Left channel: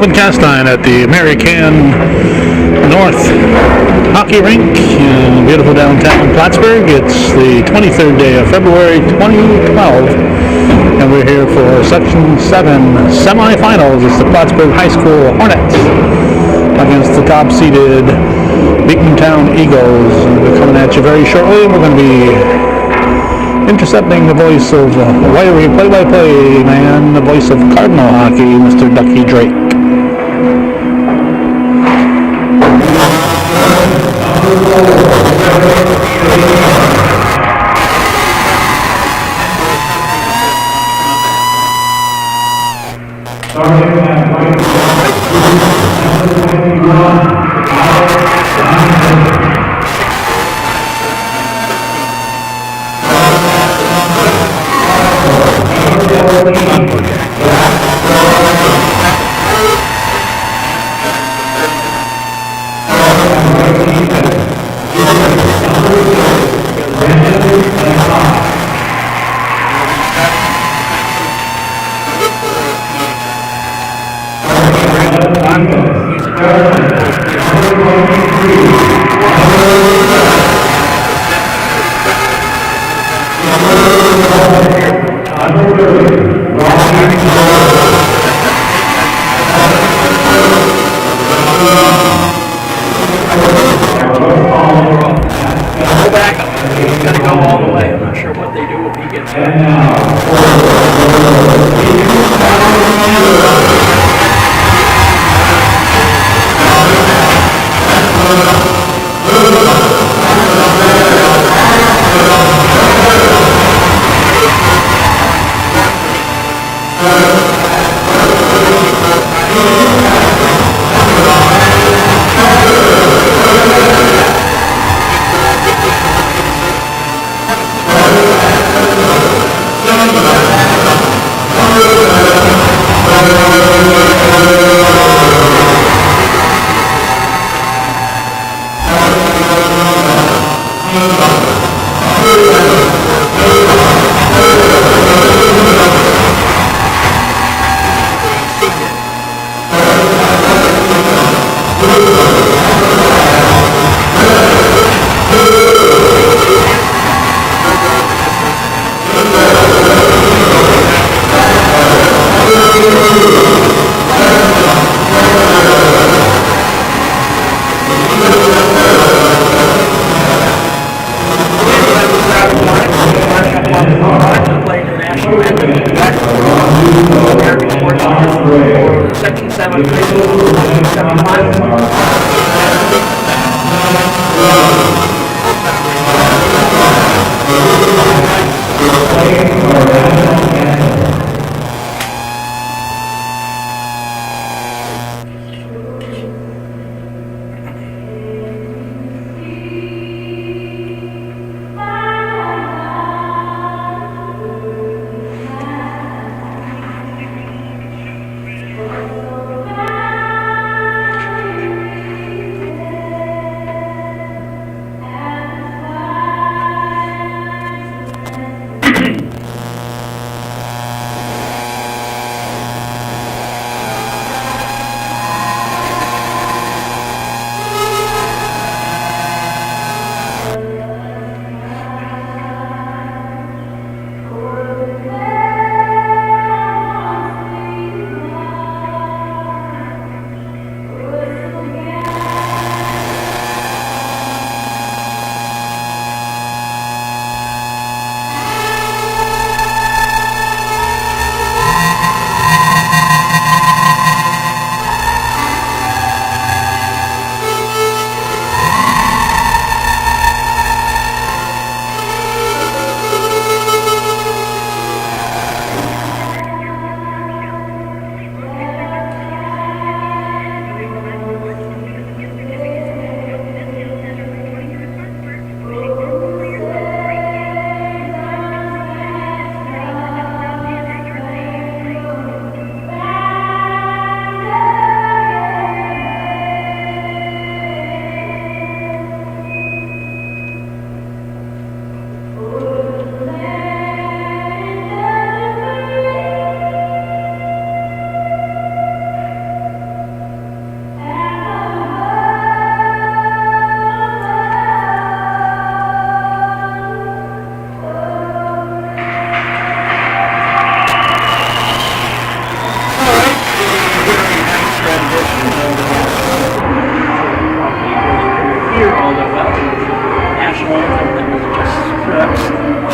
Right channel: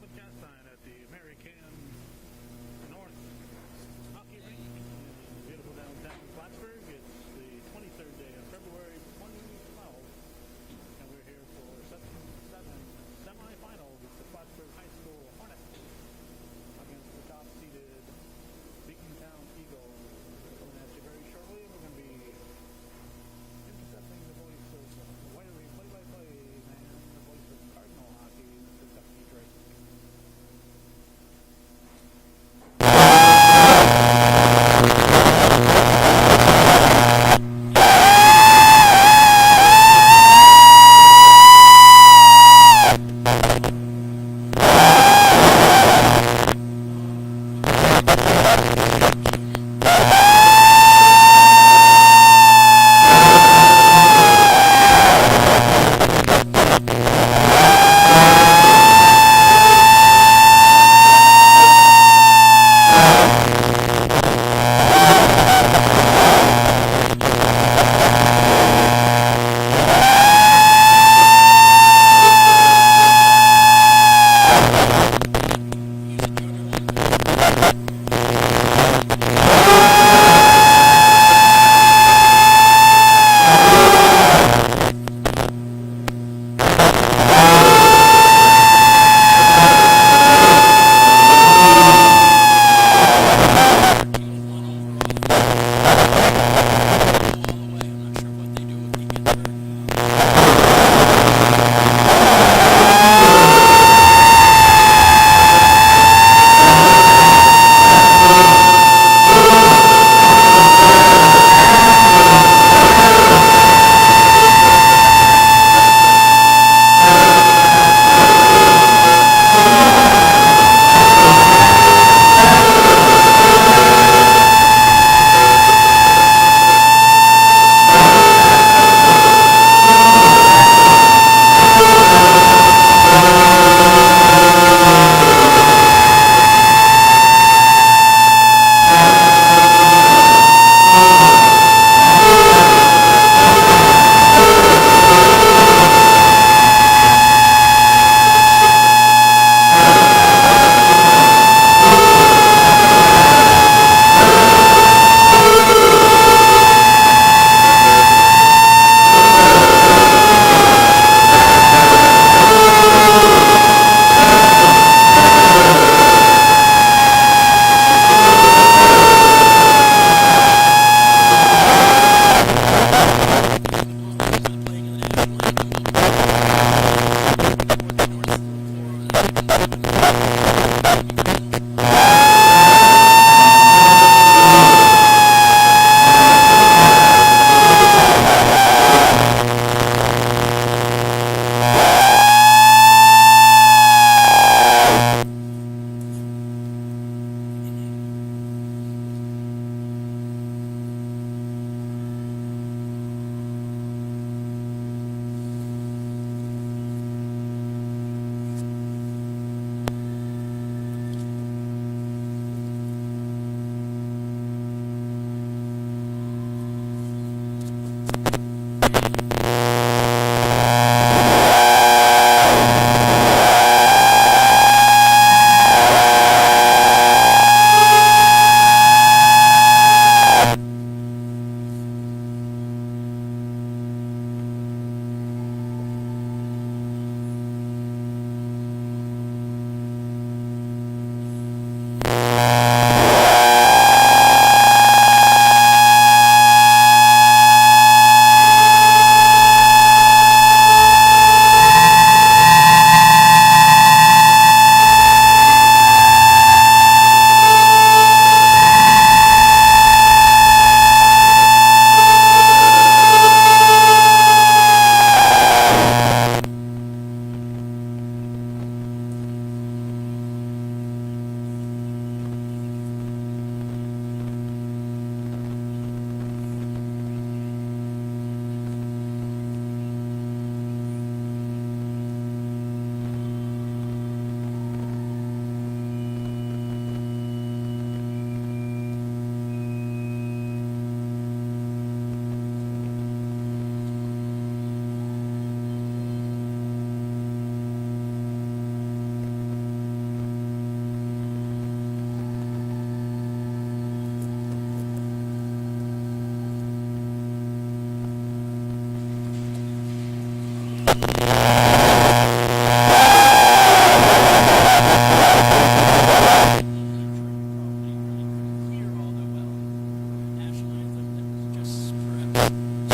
Calvin Castine at the American North Hockey Rink in beautiful downtown Plattsburgh. It's the 23rd day of February 2012, and we're here for Section 7 semifinals. It's the Plattsburgh High School Hornets against the top-seeded Beekmantown Eagles. And we're coming at you very shortly. We're going to be intercepting the voice of play-by-play man, the voice of Cardinal hockey, Mr. Ducky Drake.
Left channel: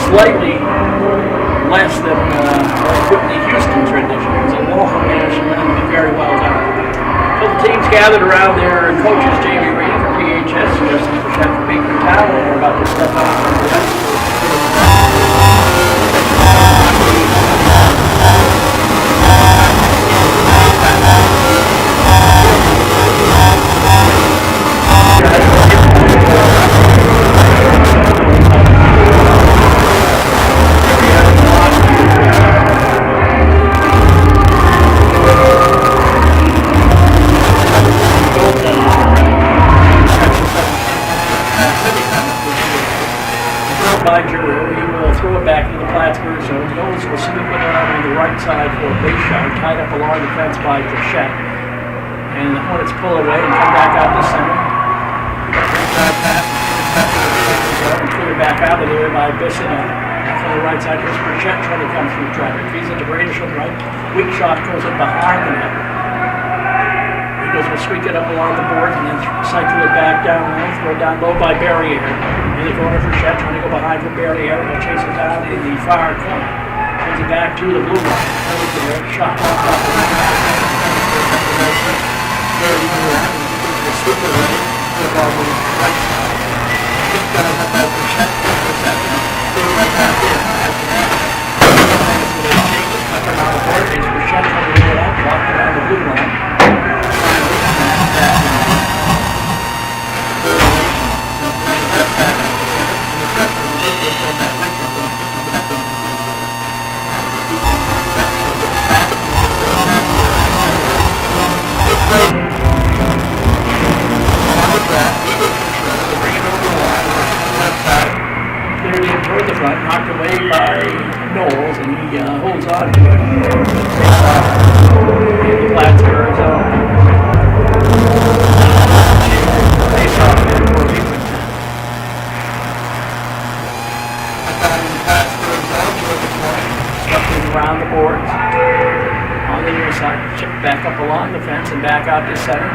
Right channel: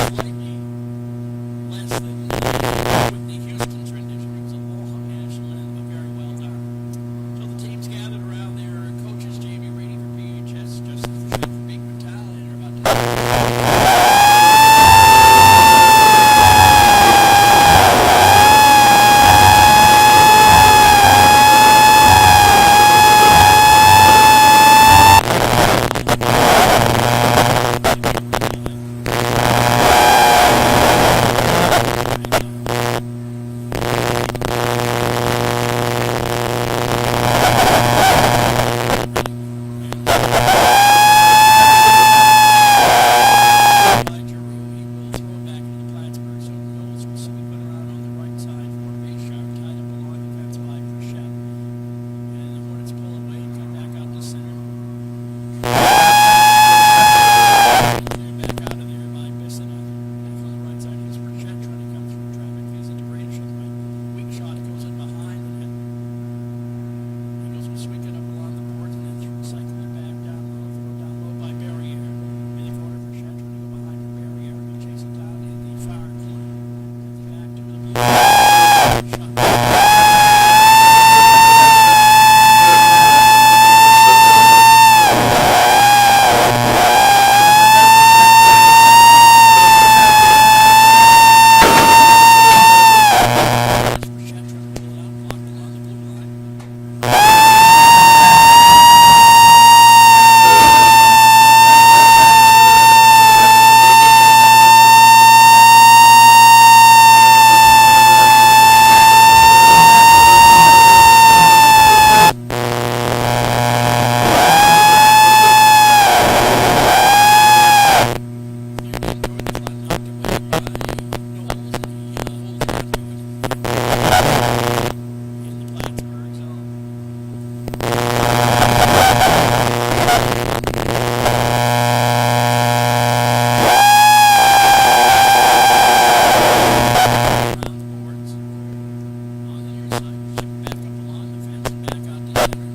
slightly less than Whitney Houston's rendition. It was a long national anthem, very well done. So the teams gathered around their coaches, Jamie Reed for PHS, Justin Frechette for Beekmantown, and we're about to step up. Back into the Plattsburgh zone. The Olds will sweep it around on the right side for a base shot, tied up along the fence by Frechette. And the Hornets pull away and come back out to center. Clear back out of there by Bisson. Off on the right side, here's Frechette trying to come through traffic. He's into Bradish on the right. Weak shot goes in behind the net. Eagles will sweep it up along the boards and then cycle it back down low, throw it down low by Barrier. In the corner for Frechette, trying to go behind for Barrier. He'll chase it down in the far corner. Brings it back to the blue line. Shot. Back up along the fence and back out to center.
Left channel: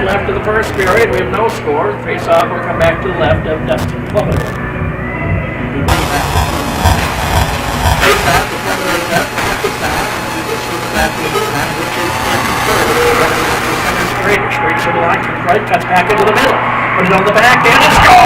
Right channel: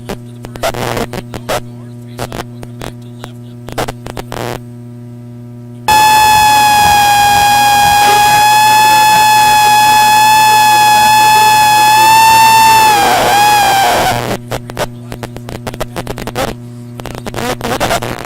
Left of the first period, we have no score. Face off will come back to the left of Dustin Plummet. Straight to the line, comes right, cuts back into the middle. Put it on the backhand and score!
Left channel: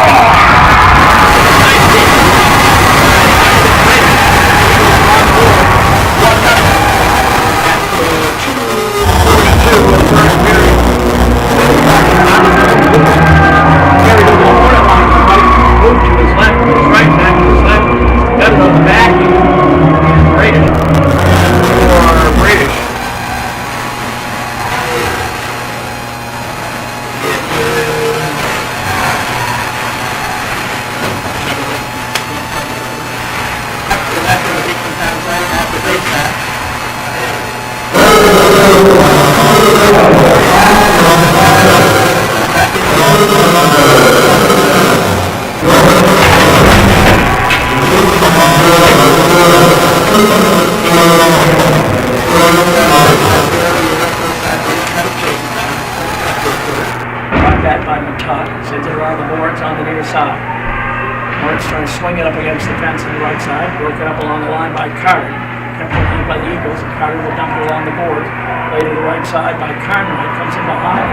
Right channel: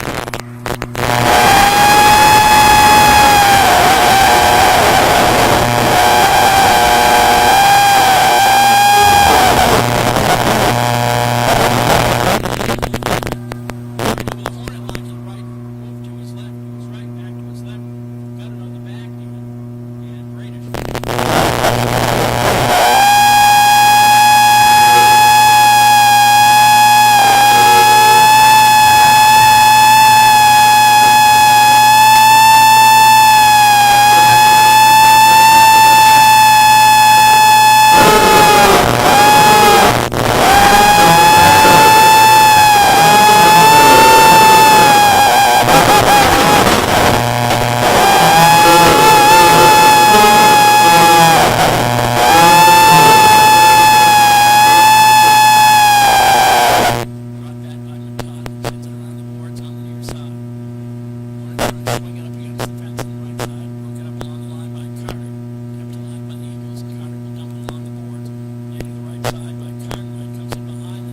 kept on by the Eagles, and Carter will dump it along the boards. Play to the right side by Cartwright, comes in behind.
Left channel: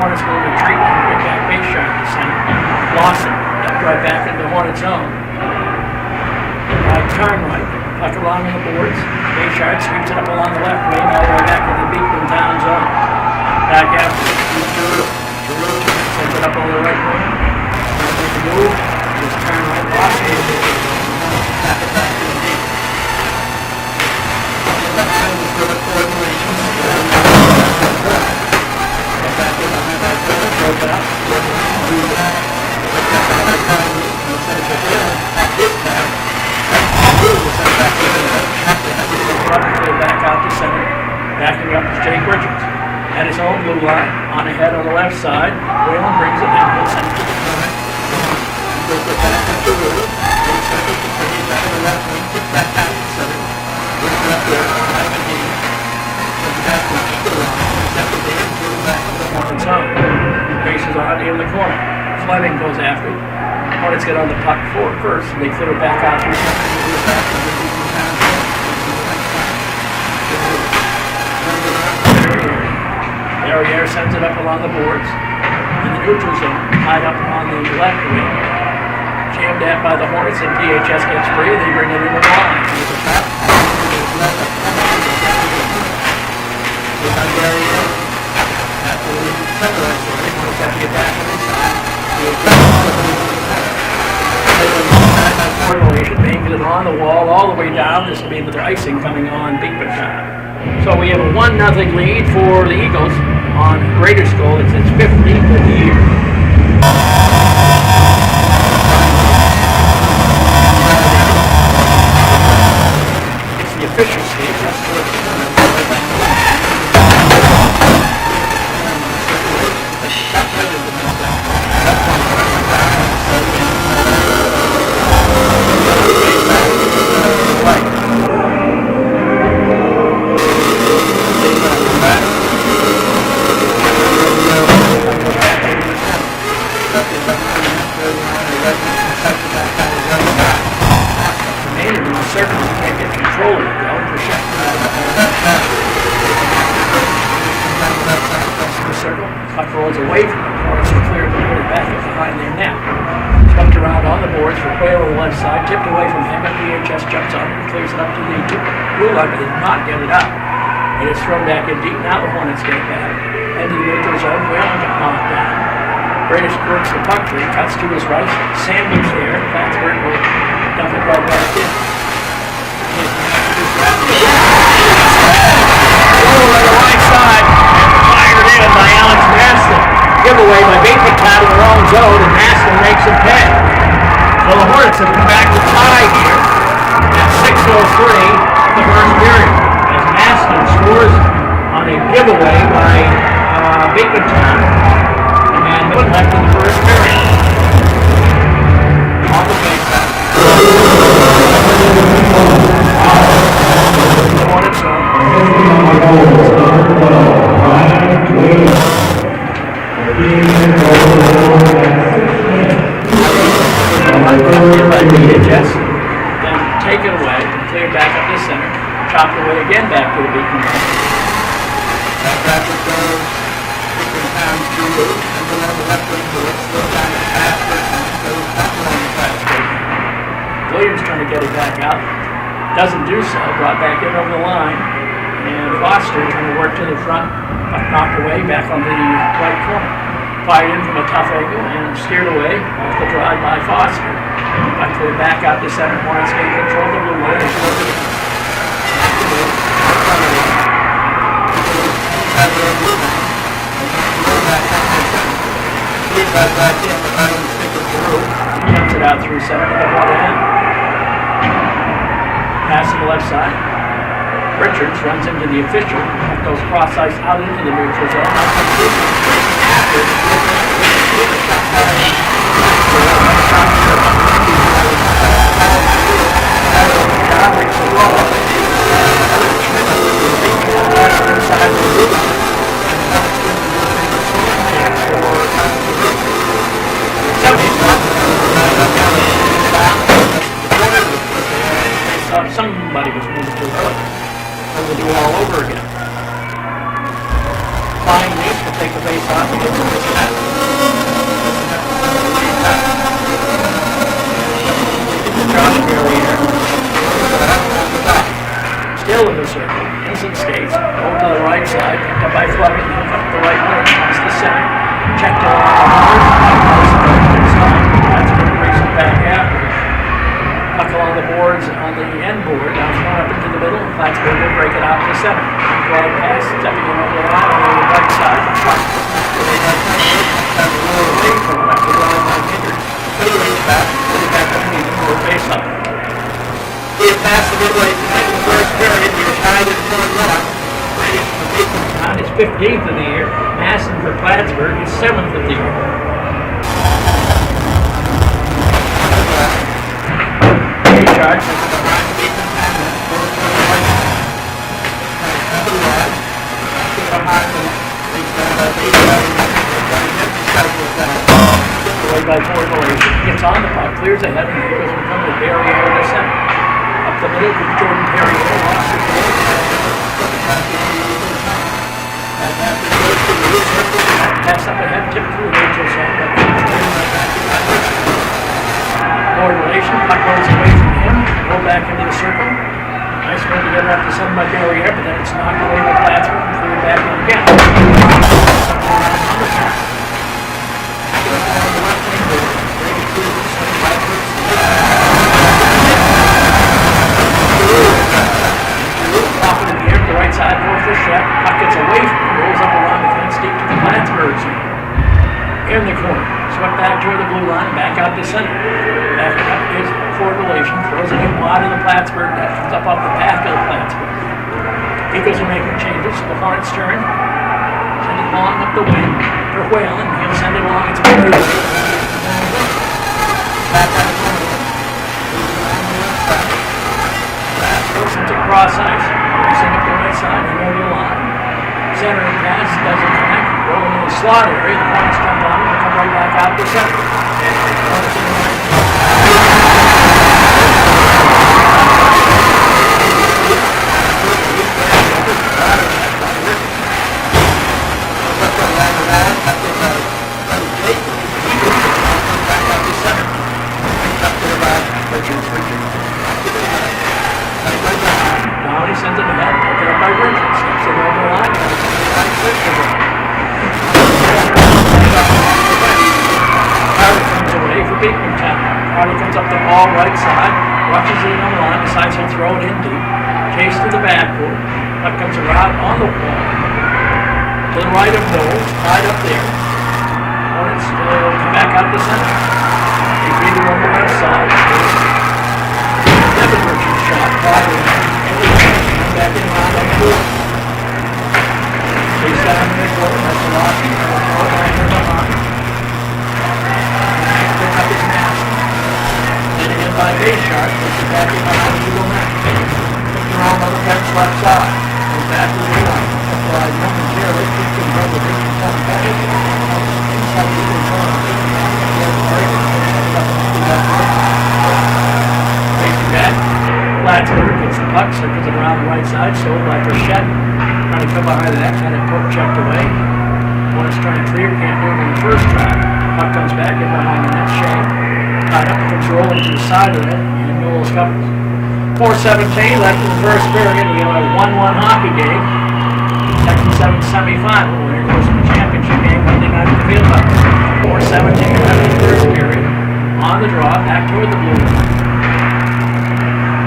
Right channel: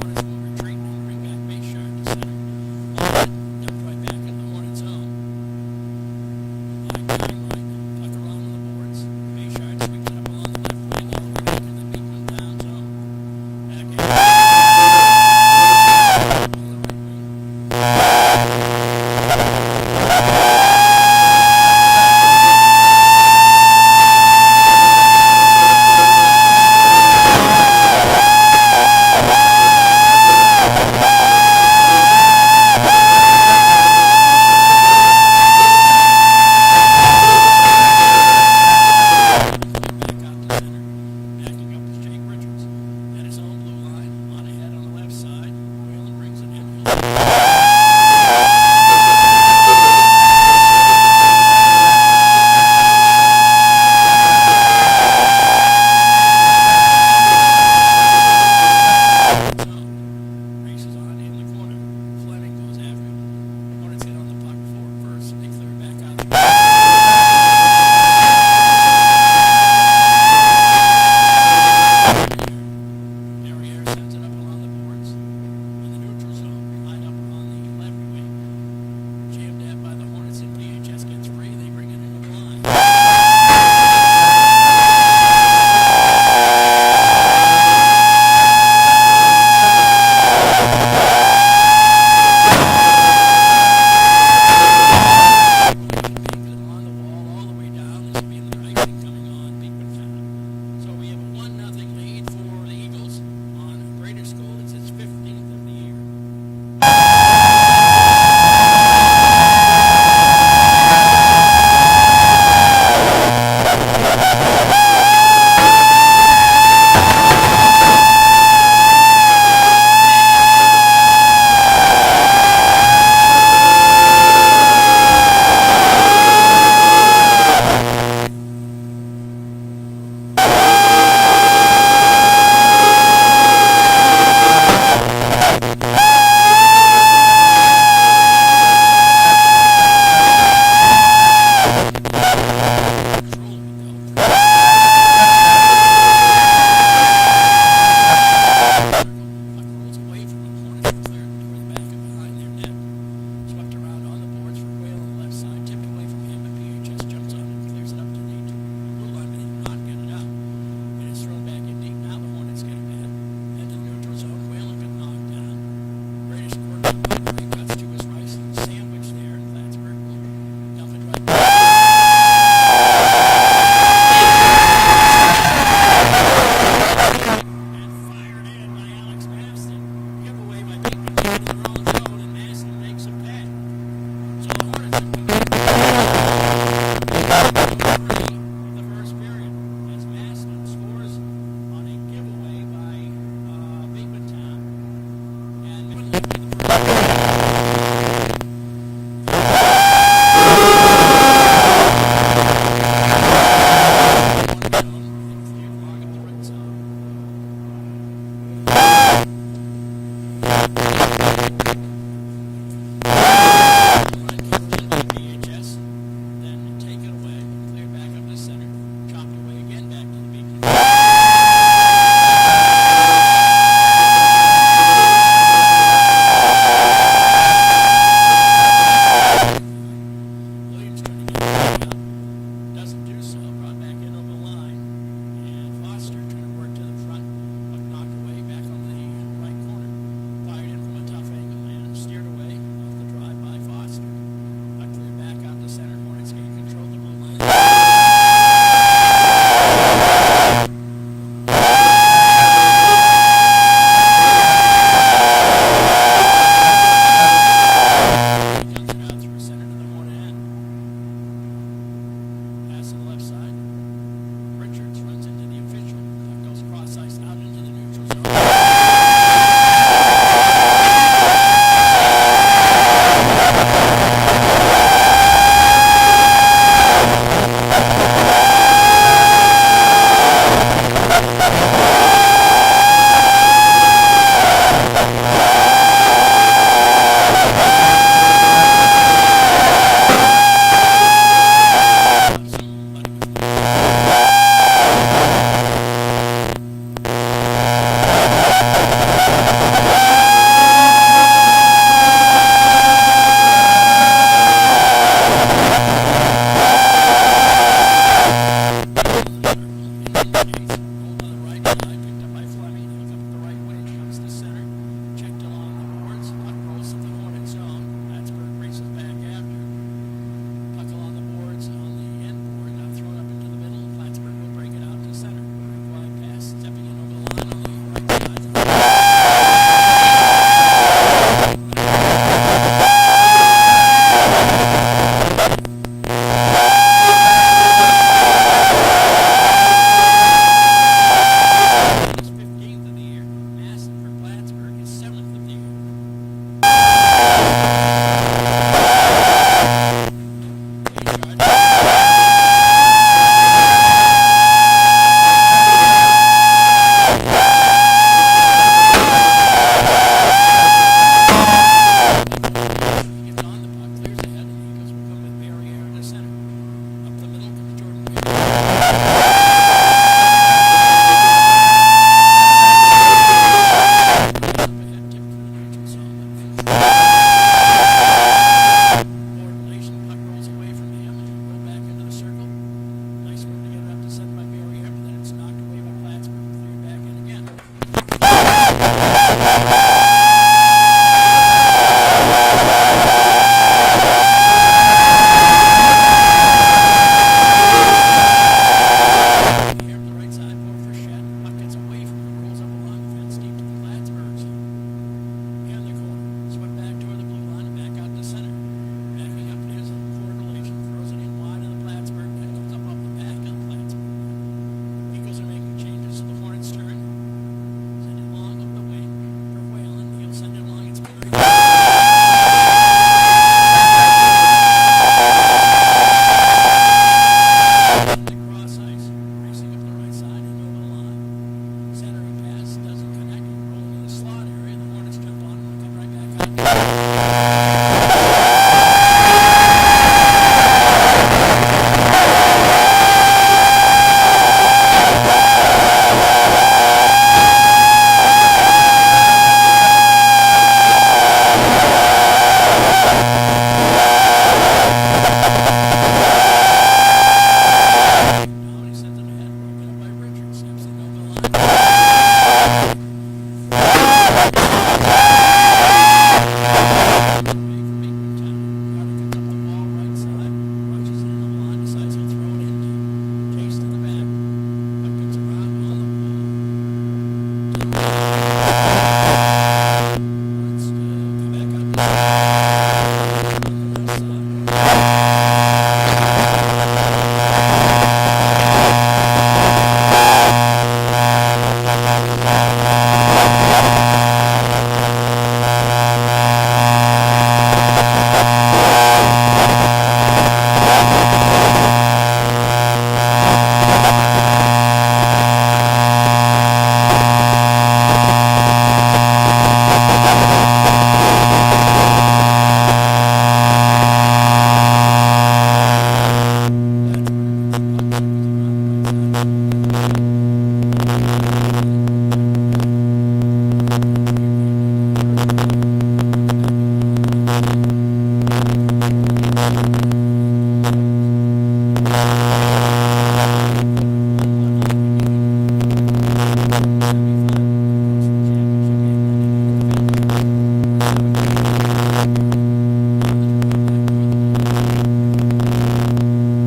Hornets will retreat and bring back base shot to center. Lost it, dumped right back into the Hornet zone. By Cartwright, puck along on the boards. Base shot sweeps it up along the left wing, all the way back into the Beekmantown zone. Back out. Up on the right wing. At his own blue line, on ahead on the left side, Whalen brings it in. Races on in the corner. Fleming goes after it. Hornets get on the puck first, and they clear it back out. Air sends it up along the boards. In the neutral zone, tied up on the left wing. Jammed at by the Hornets, and PHS gets free. They bring it in the line. Making it on the wall all the way down. This will be the icing coming on Beekmantown. So we have a 1-0 lead for the Eagles on Greater Skull. It's its 15th of the year. Away from the corner, so clear and put it back behind their net. Swept around on the boards for Whale on the left side, tipped away from him, and PHS jumps on it and clears it up to the blue line, but did not get it up. It is thrown back in deep. Now the Hornets get it back. Into the neutral zone, Whale got knocked down. Bradish works the puck free, cuts to his right, sandwich there. Plattsburgh will dump it right back in. Right side, and fired in by Alex Maston. Giveaway by Beekmantown in the wrong zone, and Maston makes it pay. So the Hornets have come back to tie here at 6:03 the first period. As Maston scores on a giveaway by Beekmantown, and no one left in the first period. Then take it away and clear back up the center. Chopped away again back to the Beekmantown. Williams trying to get it back out. Doesn't do so. Brought back in over the line. And Foster trying to work to the front. Knocked away back on the right corner. Fired in from a tough angle and steered away off the drive by Foster. Back to the back out to center. Hornets gain control of the blue line. Cuts it out through center to the right end. Pass to the left side. Richards runs into the official. Goes cross ice out into the neutral zone. plug it, hook up the right way, across the center, check the numbers, Plattsburgh race it back out. Puck along the boards on the end board, now thrown up into the middle, and Plattsburgh will break it out to center. Glide pass, stepping in over the line on the right side. On his 15th of the year, Masson for Plattsburgh, his 7th of the year. Gets on the puck, clears ahead, and he goes from the barrier to the center. Up the middle to Jordan Perry. Pass up ahead, tip through Rachel Song. Forward relation, puck rolls away from him, roll back into the circle. Nice run to get up to center by barrier, but then it's knocked away by Plattsburgh and cleared back in again. Puck gets away from him, rolls up along the fence deep to the Plattsburgh zone. In the corner, swept back toward the blue line, back out to center. Backing up is forward relation, throws it in wide of the Plattsburgh net, comes up off the back of the Plattsburgh. Eagles are making changes, the Hornets turn, send it long up the wing for Whalen, he'll send it along, it's very back out to cross ice, racing up the right side and over the line. Centering pass doesn't connect, rolling in the slot area, the Hornets jump on it and come right back out to center. Comes up the ball right side, watches it on the line, decides he'll throw it in deep. Chase to the backboard. Puck comes around on the wall. To the right of goal, right up there. Hornets come back out the center. They get it on the left side. Circles it around the right side, sold by Burchett. Trying to come behind that, had it poke checked away. Hornets trying to clear, can't do it in the first time. Puck comes back in behind the net, Shane. Tied up, comes rolling to the side of it, and Newell covers. 4:17 left in the first period. We have a 1-1 hockey game. Second semifinal. Winner goes to the championship game Monday night at the Field House. 4:17 left in the first period. On the draw, back toward the blue line.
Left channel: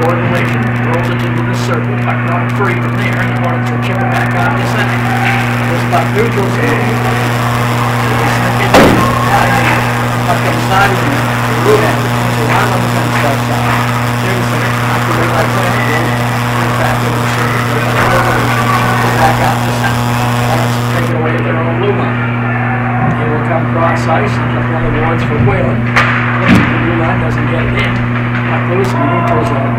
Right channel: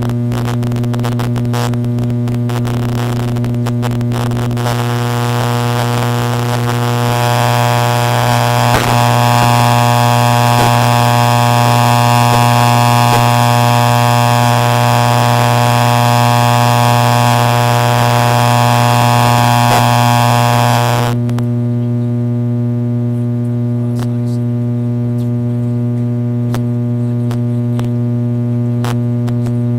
Coordination, rolling into the circle, puck run free from there, and the Hornets will chip it back out to center. This puck neutral game. Ice and up on the boards for Whalen. The blue line doesn't get it in. Puck loose in the neutral zone.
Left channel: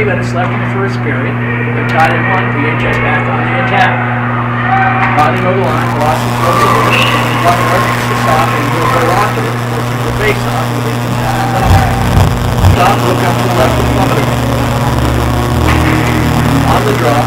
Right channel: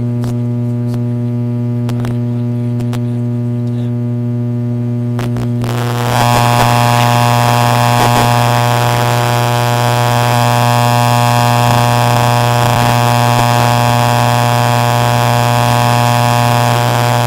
3 minutes left in the first period. They're tied at 1. VHS back on the attack. Riding over the line. On the draw.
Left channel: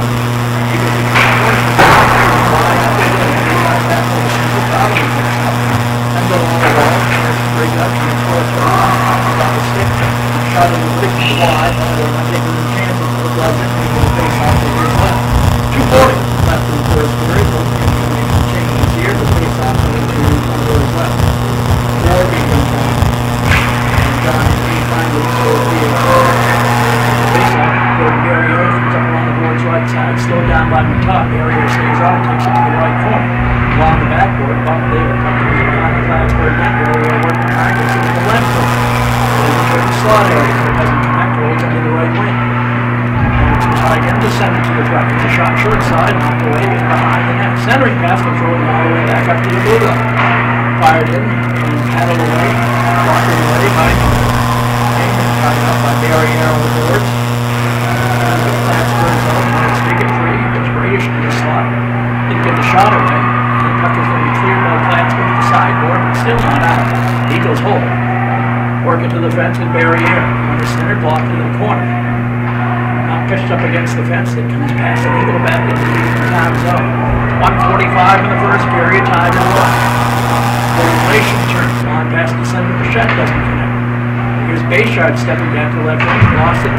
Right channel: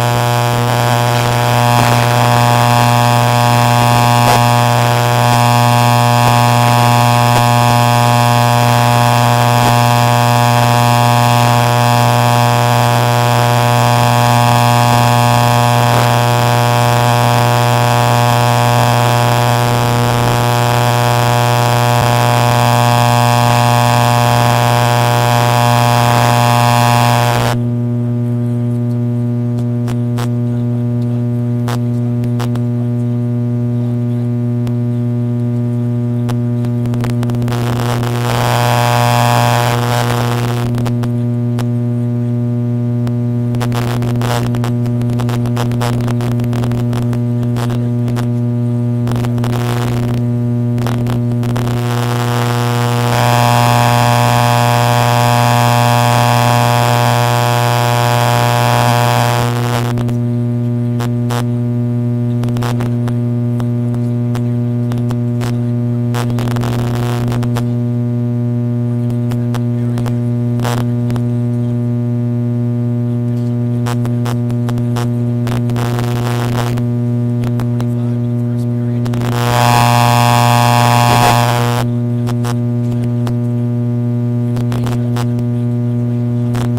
Stepping back to left wing, lost it.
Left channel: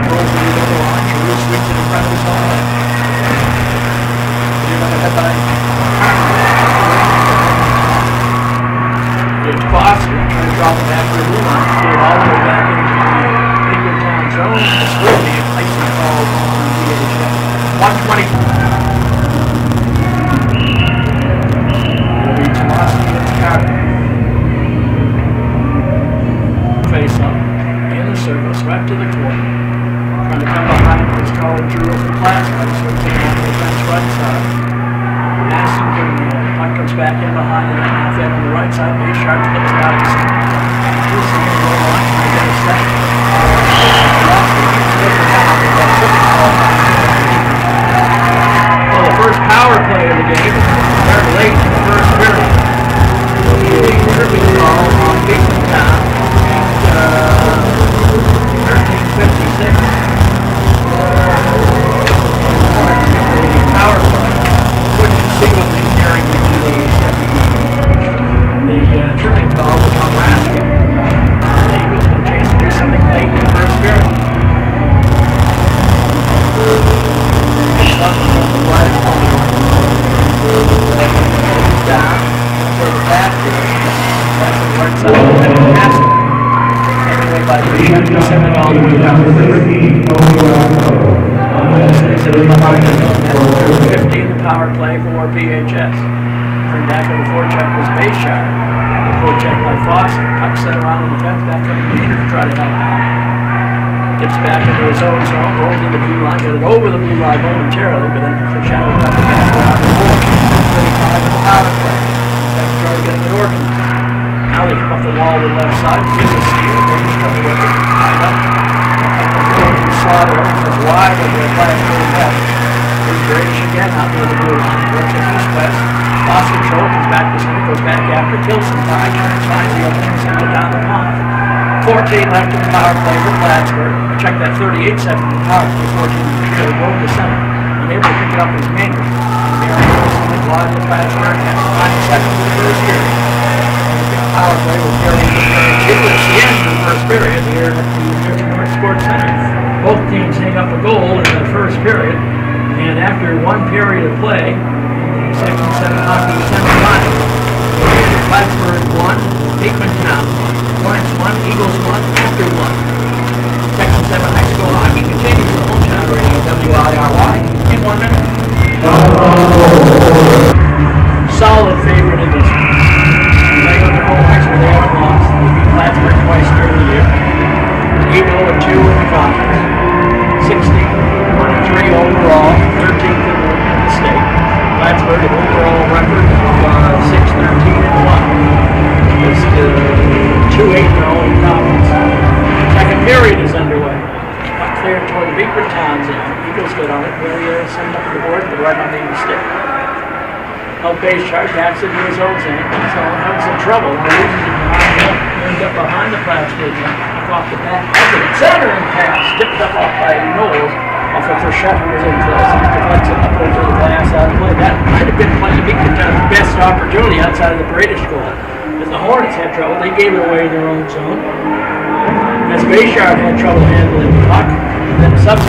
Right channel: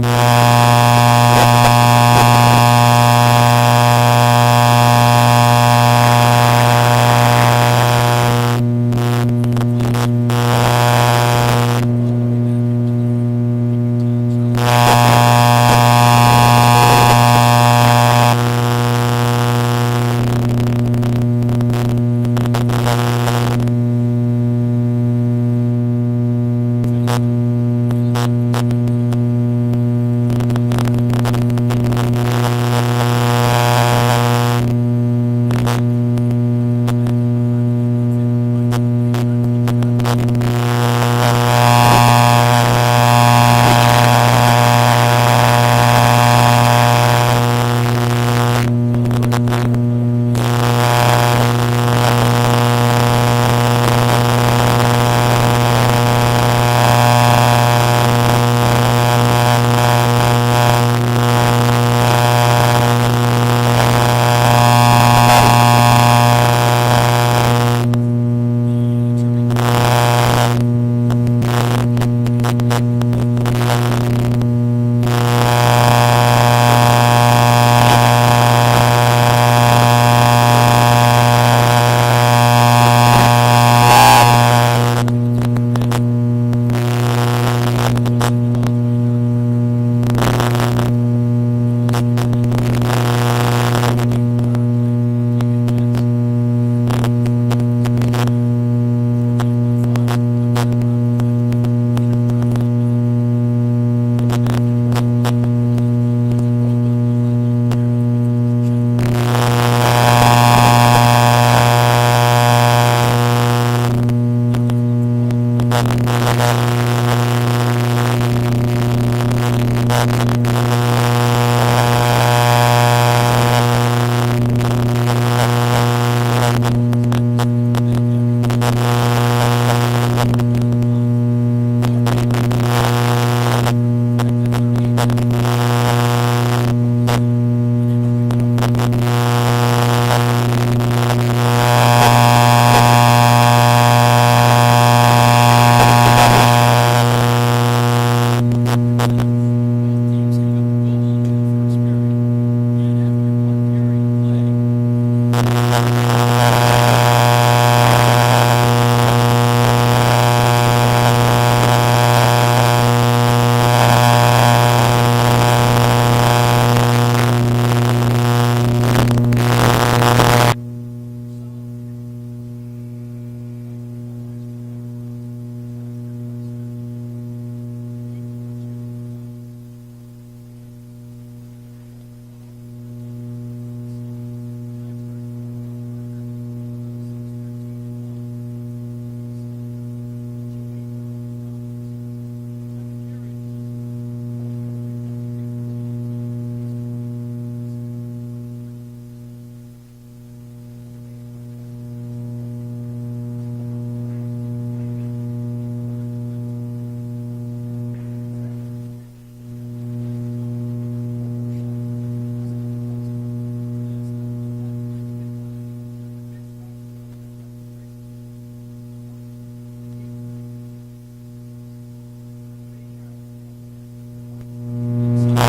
It's Foster, turns off the back to the line, all the way back into the Beekmantown zone. 120. Face up. Circles right to the corner. Trying to come behind this call through the Plattsburgh. Puck comes back in behind the net. Half on the right side. Base sharp to the right. Well, the first power play of the game started late in the first period. The tripping ball on Beekmantown. 56. Power wouldn't see the tripping call was on last year. The Eagles had a chance to do something late in the first period. Power play for VHS. Turned back on the forecheck was Bayshire. Forecheck by Foster. Puck set around the fence. Back up to Peter to try to help out. Gets back into his own zone. Rolls into the blue line. Got it over the blue line momentarily, but then the shadow comes back. Now they come up the wall to the left side. Wide over the flag for the back. Again, out to the blue. Lost control, comes back to Smith, goes back after Tilson. Down the pond. 14 left in the power play for Plattsburgh. Check that 38 seconds of power play. Unfortunately, they broke the center. And they will pick it up in the game. Wide to Plattsburgh. 5 seconds in the first period. Power play was very good. It was the end of the first period here at the North Sports Center. Both teams hang up a goal in the first period. And after one period of play, 67 hockey semifinal, Plattsburgh 1, Beekmantown 1, Eagles 1, after 1. 67 hockey continues. WIRY in 1 minute. Solid favorite in this one. Playing on their home ice where they haven't lost. They beat Plattsburgh twice during the year. 8-0-2 in the conference. 61-3 overall, 13th in the state. Plattsburgh, an overall record of toward the Beekmantown zone. Eagles good on it. Barrier send up the board, but right on the stick. Out base chart, backs into his own zone. So having some trouble. Ends up behind the Plattsburgh zone. Off the back of the center and pass. Tipped up off by Knowles. Off of Frechette, who was in close. And deflects it up over the glass out of play. That might have been playing the Beekmantown's best opportunity outside of the British goal. As the Hornets had trouble, they gave it away in their own zone. As Bayshard had trouble handling the puck, and then seconds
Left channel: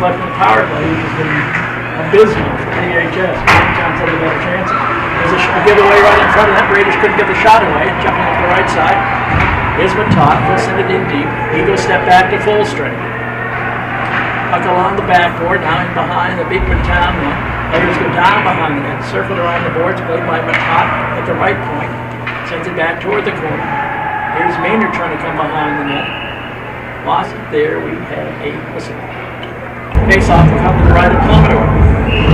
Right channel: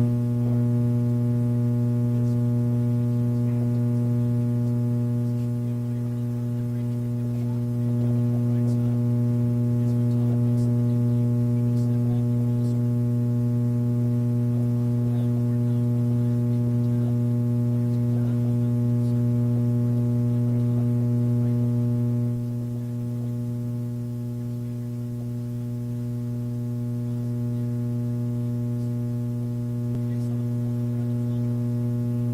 left in the power play, which has been abysmal for PHS. Beekmantown said they better chances. There's a giveaway right in front of them. Raiders couldn't get the shot away. Jumping up the right side. Here's Matot, puts it in deep. Eagles step back to full strength. Puck along the backboard, now in behind the Beekmantown net. Players go down behind the net, circle around the boards, played by Matot at the right point. Sends it back toward the corner. Here's Maynard trying to come behind the net. Lost it there. We have a whistle. Face off will come to the right of Plummetor.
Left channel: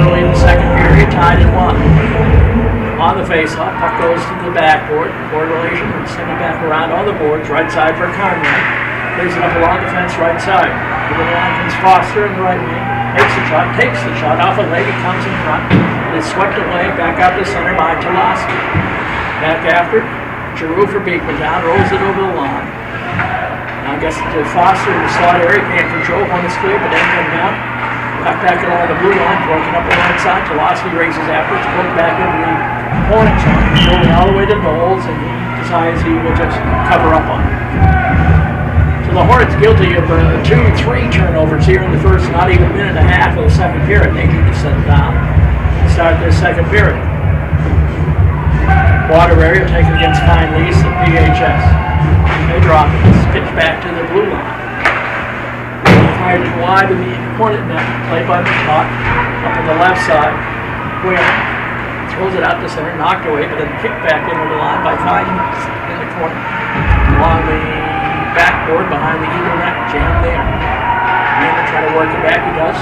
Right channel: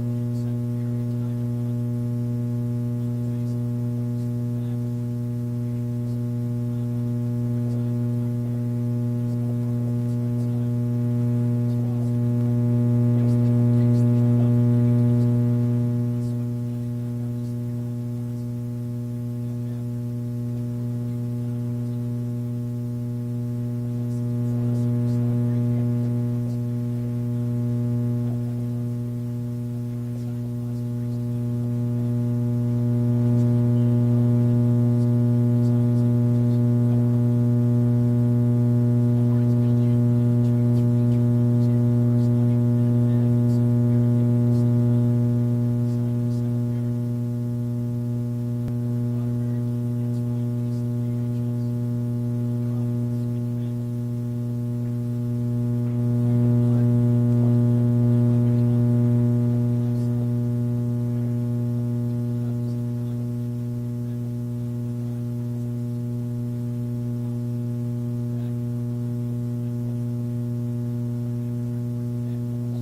Early in the second period, tied at 1. On the face-off, puck goes to the backboard. Board relation, and send it back around on the boards. Right side for Conrad. Plays it up along the fence, right side. To the line comes Foster in the right wing. Takes the shot off a leg, it comes in front. It is swept away, back out to center by Toloski. Back after, Giroux for Beekmantown, rolls it over the line. Now gets it to Foster in the slot area, can't control when it's clear, but then coming out. Back along the blue line, broken up the right side. Toloski races after, it's put back into the Hornets zone. Going all the way to Knowles, and he decides he will just cover up on it. So the Hornets guilty of 2-3 turnovers here in the first, not even a minute and a half of the second period. They need to set it down and start their second period. Water area taken against Fine Lease and PHS. They drop it. It's pitched back to the blue line. Fired it wide of the Hornet net, played by Matot, up on the left side. Where throws it out to center, knocked away, but then kicked back into the line by Fine Lease in the corner. Along the backboard behind the Eagle net, jammed there. Maynard try to work it back, he does.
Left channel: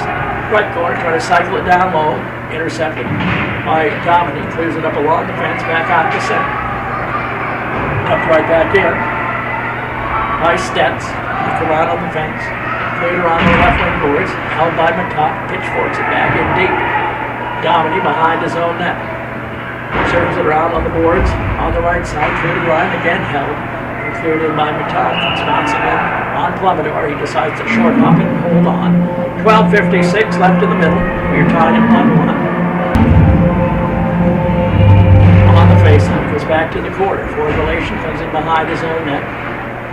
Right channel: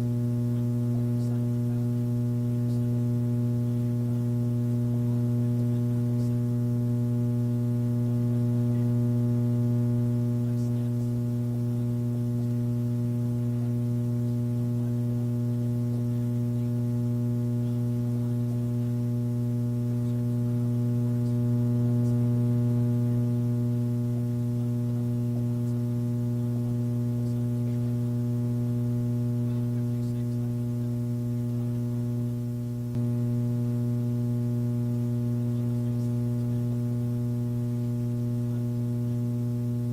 Right corner, try to cycle it down low, intercepted by Dominique, clears it up along the fence, back out to center. Tucked right back in. By Stetz, look around on the fence, cleared around the left wing boards, held by Matot, pitchforks it back in deep. Dominique behind his own net. Circles it around on the boards, on the right side, cleared line, again held. Cleared in by Matot, comes bouncing in on Plummetor. He decides to short hop and hold on. 12:56 left in the middle. We're tied at 1-1. On the faceoff, goes back to the corner. Forward relation comes in behind his own net.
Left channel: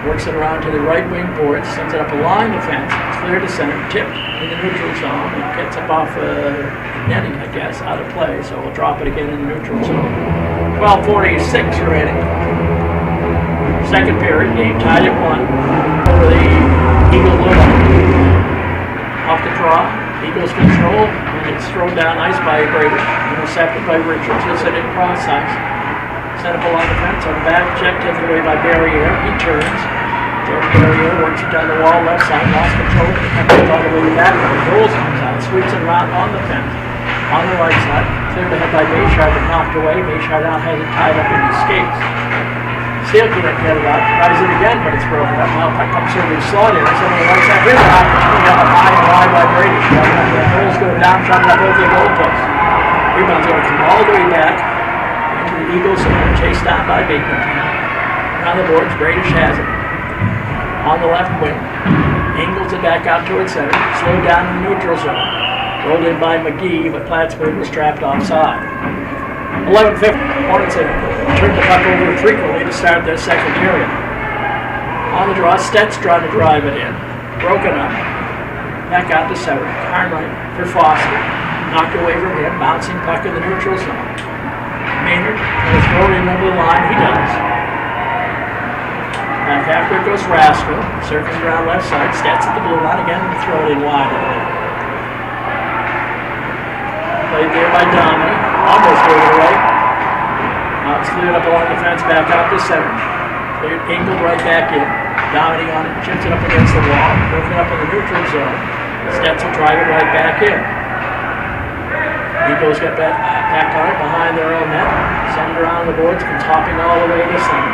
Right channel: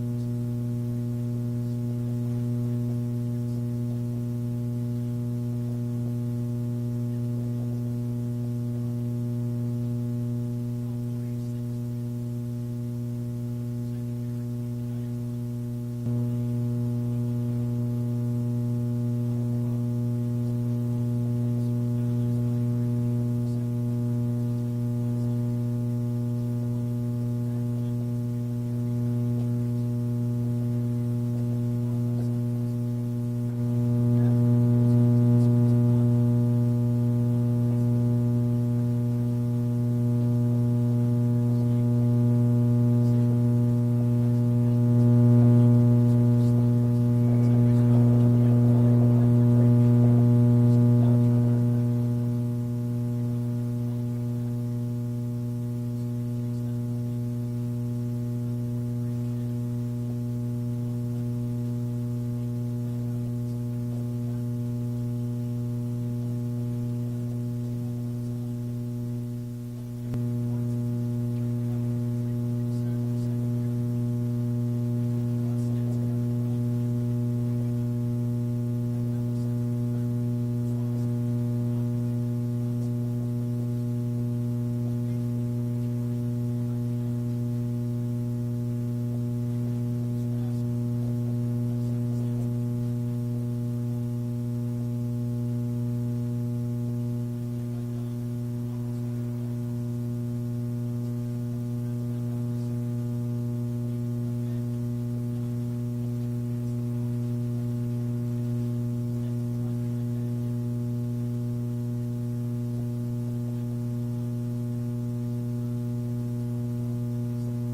Works it around to the right wing board, sends it up along the fence. It's clear to center, tipped in the neutral zone. It gets up off netting, I guess, out of play. So we'll drop it again in the neutral zone. 12:46 remaining. Second period, game tied at 1 over the Eagle blue line. Off the draw, Eagles control, and it's thrown down ice by Brady. Intercepted by Richards. He'll send it cross ice. Sent up along the fence on the back check, taken away by Barrier. He turns. Barrier works it down the wall left side, lost control, comes all the way back. Rolls comes out, sweeps it around on the fence. On the right side, cleared ahead by Bayshard, but knocked away. Bayshard now has it tied up in his skates. Steele couldn't get it out. Tries it again, but it's broken up. Now puck comes over the slot here. So on the right side, here's an opportunity up high and wide by Brady. The goals go down, shot it up over the goalpost. Rebound's going to come all the way back into the Eagles and chased down by Beekmantown. Around the boards, Bradish has it. On the left wing. Angles it back out towards center. Slowed down in the neutral zone. Rolled in by McGee, but Plattsburgh was trapped offside. 11:50. Hornets have turned the puck over frequently to start their second period. On the draw, Stetz trying to drive it in. Broken up. Back out to center. Carnwright for Foster. Knocked away from him. Bouncing puck in the neutral zone. Maynard will throw it in over the line. He does. Back after it goes Rascal. Circles around left side. Stetz at the blue line again. Throw it in wide. Played there by Dominic. Almost gave it away. Now it's cleared up along the fence, back out to center. Cleared, angled right back in. Dominic on it, chips it up against the wall. Broken up in the neutral zone. Stetz will drive it right back in. Eagles get back on it behind their own net. Send it around the boards, comes hopping all the way to center.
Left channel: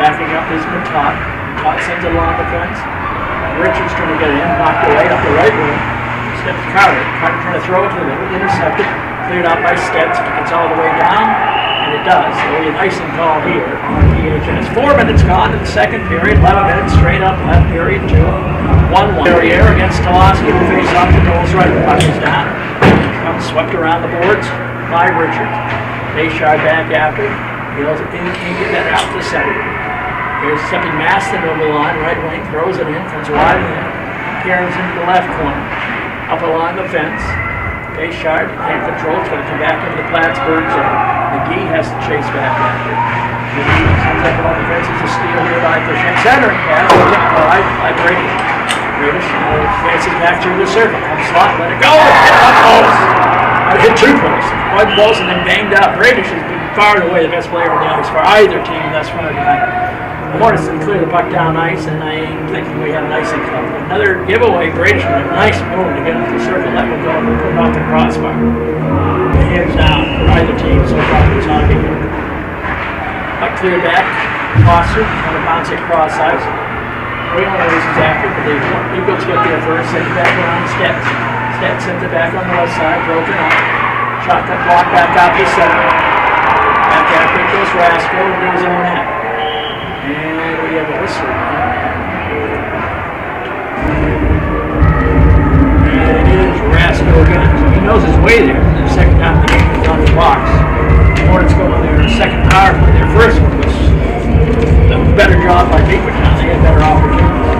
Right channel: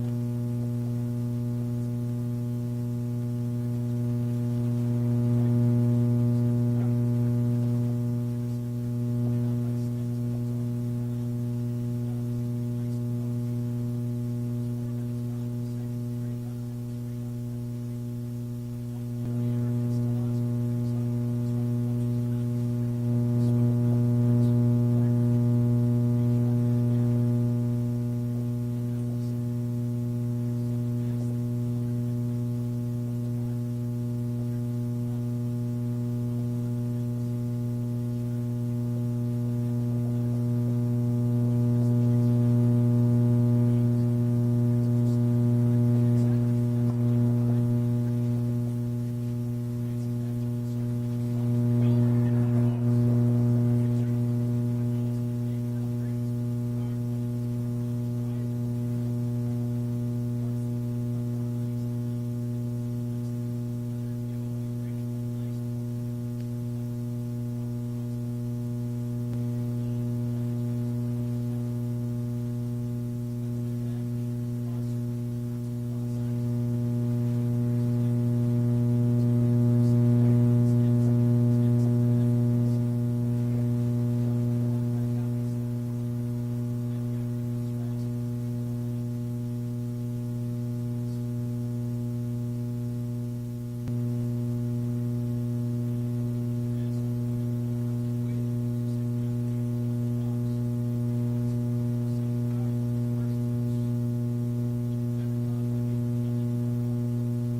Backing up is Matot. Matot sends it along the fence. Richards trying to get in, knocked away up the right wing. Steps Carter. Carter trying to throw it to the middle, intercepted. Cleared out by Stets. It gets all the way down, and it does. So a icing call here on PHS. 4 minutes gone in the second period. 11 minutes straight up left period 2. 1-1. Barrier against Toloski who face off the goals right. The puck is down. Comes swept around the boards by Richards. Bayshard back after. He'll get that out to center. Here's stepping Maston over the line. Right wing throws it in. Comes wide in. Cairns into the left corner. Up along the fence. Bayshard can't control. It's going to come back into the Plattsburgh zone. McGee has to chase back after. McGee comes up along the fence. It's a steal here by Frechette. Centering pass. By Brady. Brady advances back through the circle. Comes slot. Let it go. Hit post. Hit 2 posts. 1 post and then banged out. Brady has been far and away the best player on the ice for either team thus far tonight. Morrison cleared the puck down ice, and I'm thinking we have an icing club. Another giveaway. Brady with a nice move to get into the circle. Let one go and put it off the crossbar. Hands down for either team so far in this hockey game. Puck cleared back. Foster on a bounce across ice. Whalen races after, but the Eagles get there first. Send it back around Stets. Stets sends it back on the left side. Broken up. Shotgun block back out to center. Back after it goes Rasko into his own net. And we have a whistle. And it is Rasko again. So he knows his way there. The second time the game was on the box. Hornets going there. Second power play. Their first one was a better job by Beekmantown. They had better opportunities.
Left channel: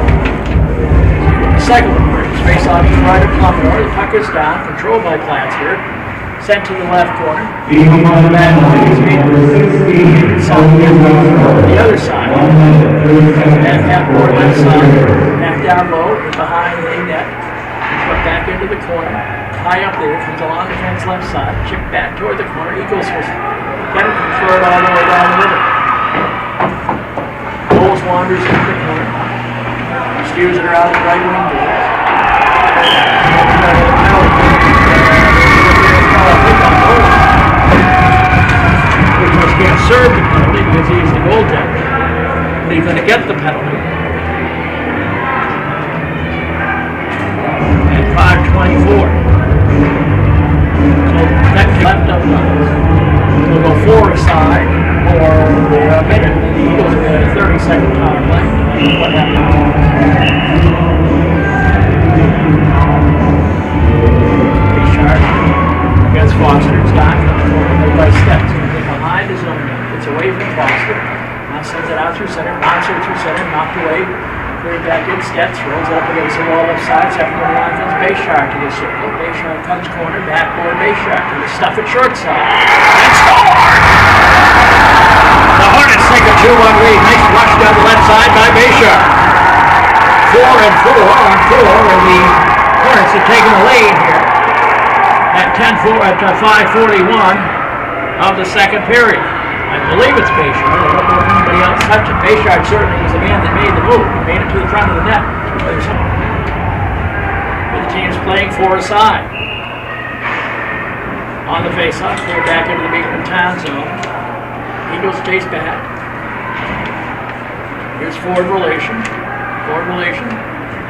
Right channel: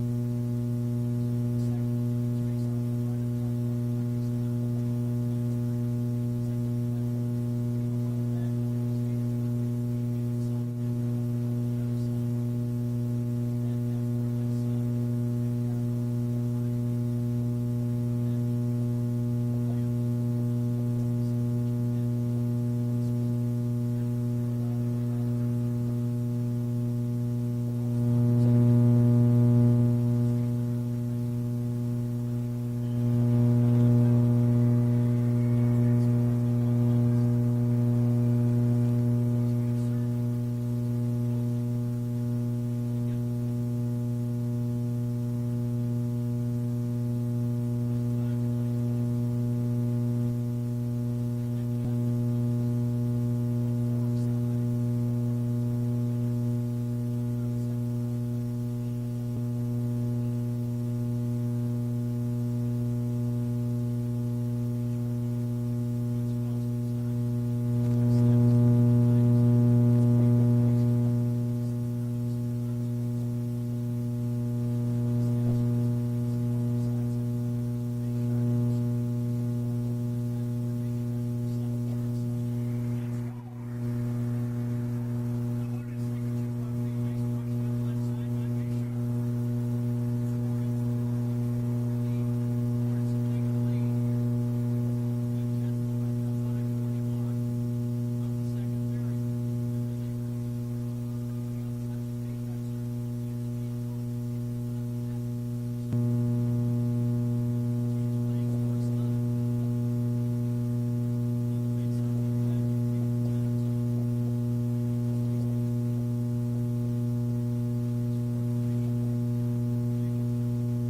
The second one breaks. Face off to the right of Plummer. The puck is down. Controlled by Plattsburgh. Sent to the left corner. Back on his feet. The other side. Back half board left side. Back down low. Behind the net. Put back into the corner. High up there. Comes along the fence left side. Chip back toward the corner. Eagles was get it and throw it all the way down the river. Bowles wanders into the corner. Steers it around the right wing door. Can't serve the penalty because he's the goaltender. But he's going to get the penalty. At 5:24. So that's left of we'll go 4 aside for a minute. And the Eagles will get a 30-second power play. What happened? Richard against Foster's got by Steps. Behind his own net. It's away from Foster. Now sends it out through center. Bouncer through center. Knocked away. Cleared back in. Stets rolls it up against the wall left side. Second one line comes Bayshard to the circle. Bayshard comes corner. Backboard Bayshard to the stuff at short side. And score! The Hornets take a 2-1 lead. Nice rush down the left side by Bayshard. 4 and 4 on 4. And the Hornets have taken the lead here at 5:41. Of the second period. I believe it's Bayshard. I don't know if anybody else touched it. Bayshard certainly was the man that made the move. He made it to the front of the net. The team's playing 4 aside. On the face-off, clear back into the Beekmantown zone. Eagles chase back. Here's forward relation.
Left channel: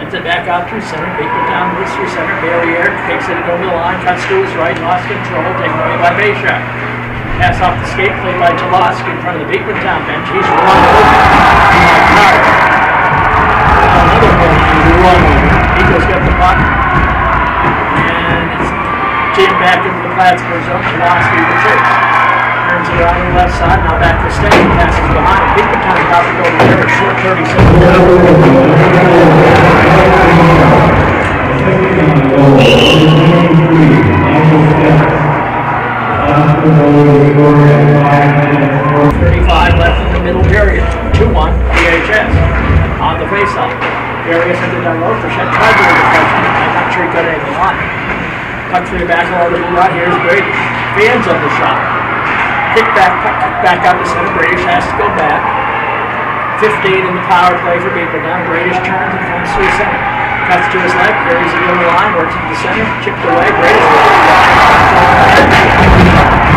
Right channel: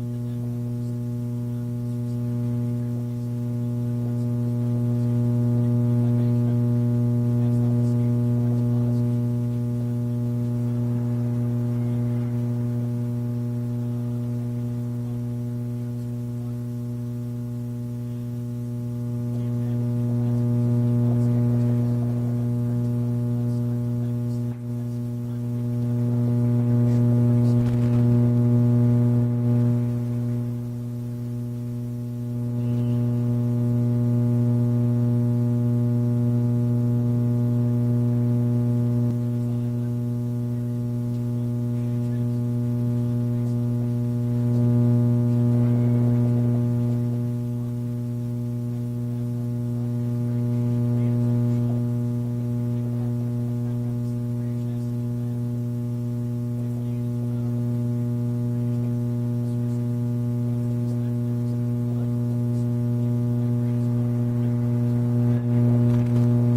Sends it back out through center. Beekmantown moves through center. Barrier takes it over the line. Cuts to his right. Lost control. Taken away by Bayshard. Pass off the skate play by Toloski in front of the Beekmantown bench. He's run over. Another one run over. Eagles get the puck. And it's jammed back into the Plattsburgh zone. Toloski retrieves. Turns it around the left side. Now back to Stay. Passes behind. Beekmantown about to go over there. A short 30 35 left in the middle period. 2-1 PHS on the faceoff. Various into the down low. Frechette tried to deflect. I'm not sure he got anything on it. Puck through the back along the blue line. Here's Brady. Fans on the shot. Kick back out to center. Bradish has to go back. 15 in the power play for Beekmantown. Bradish turns and comes through center. Cuts to his left, carries it over the line, works into the center, chipped away, greatest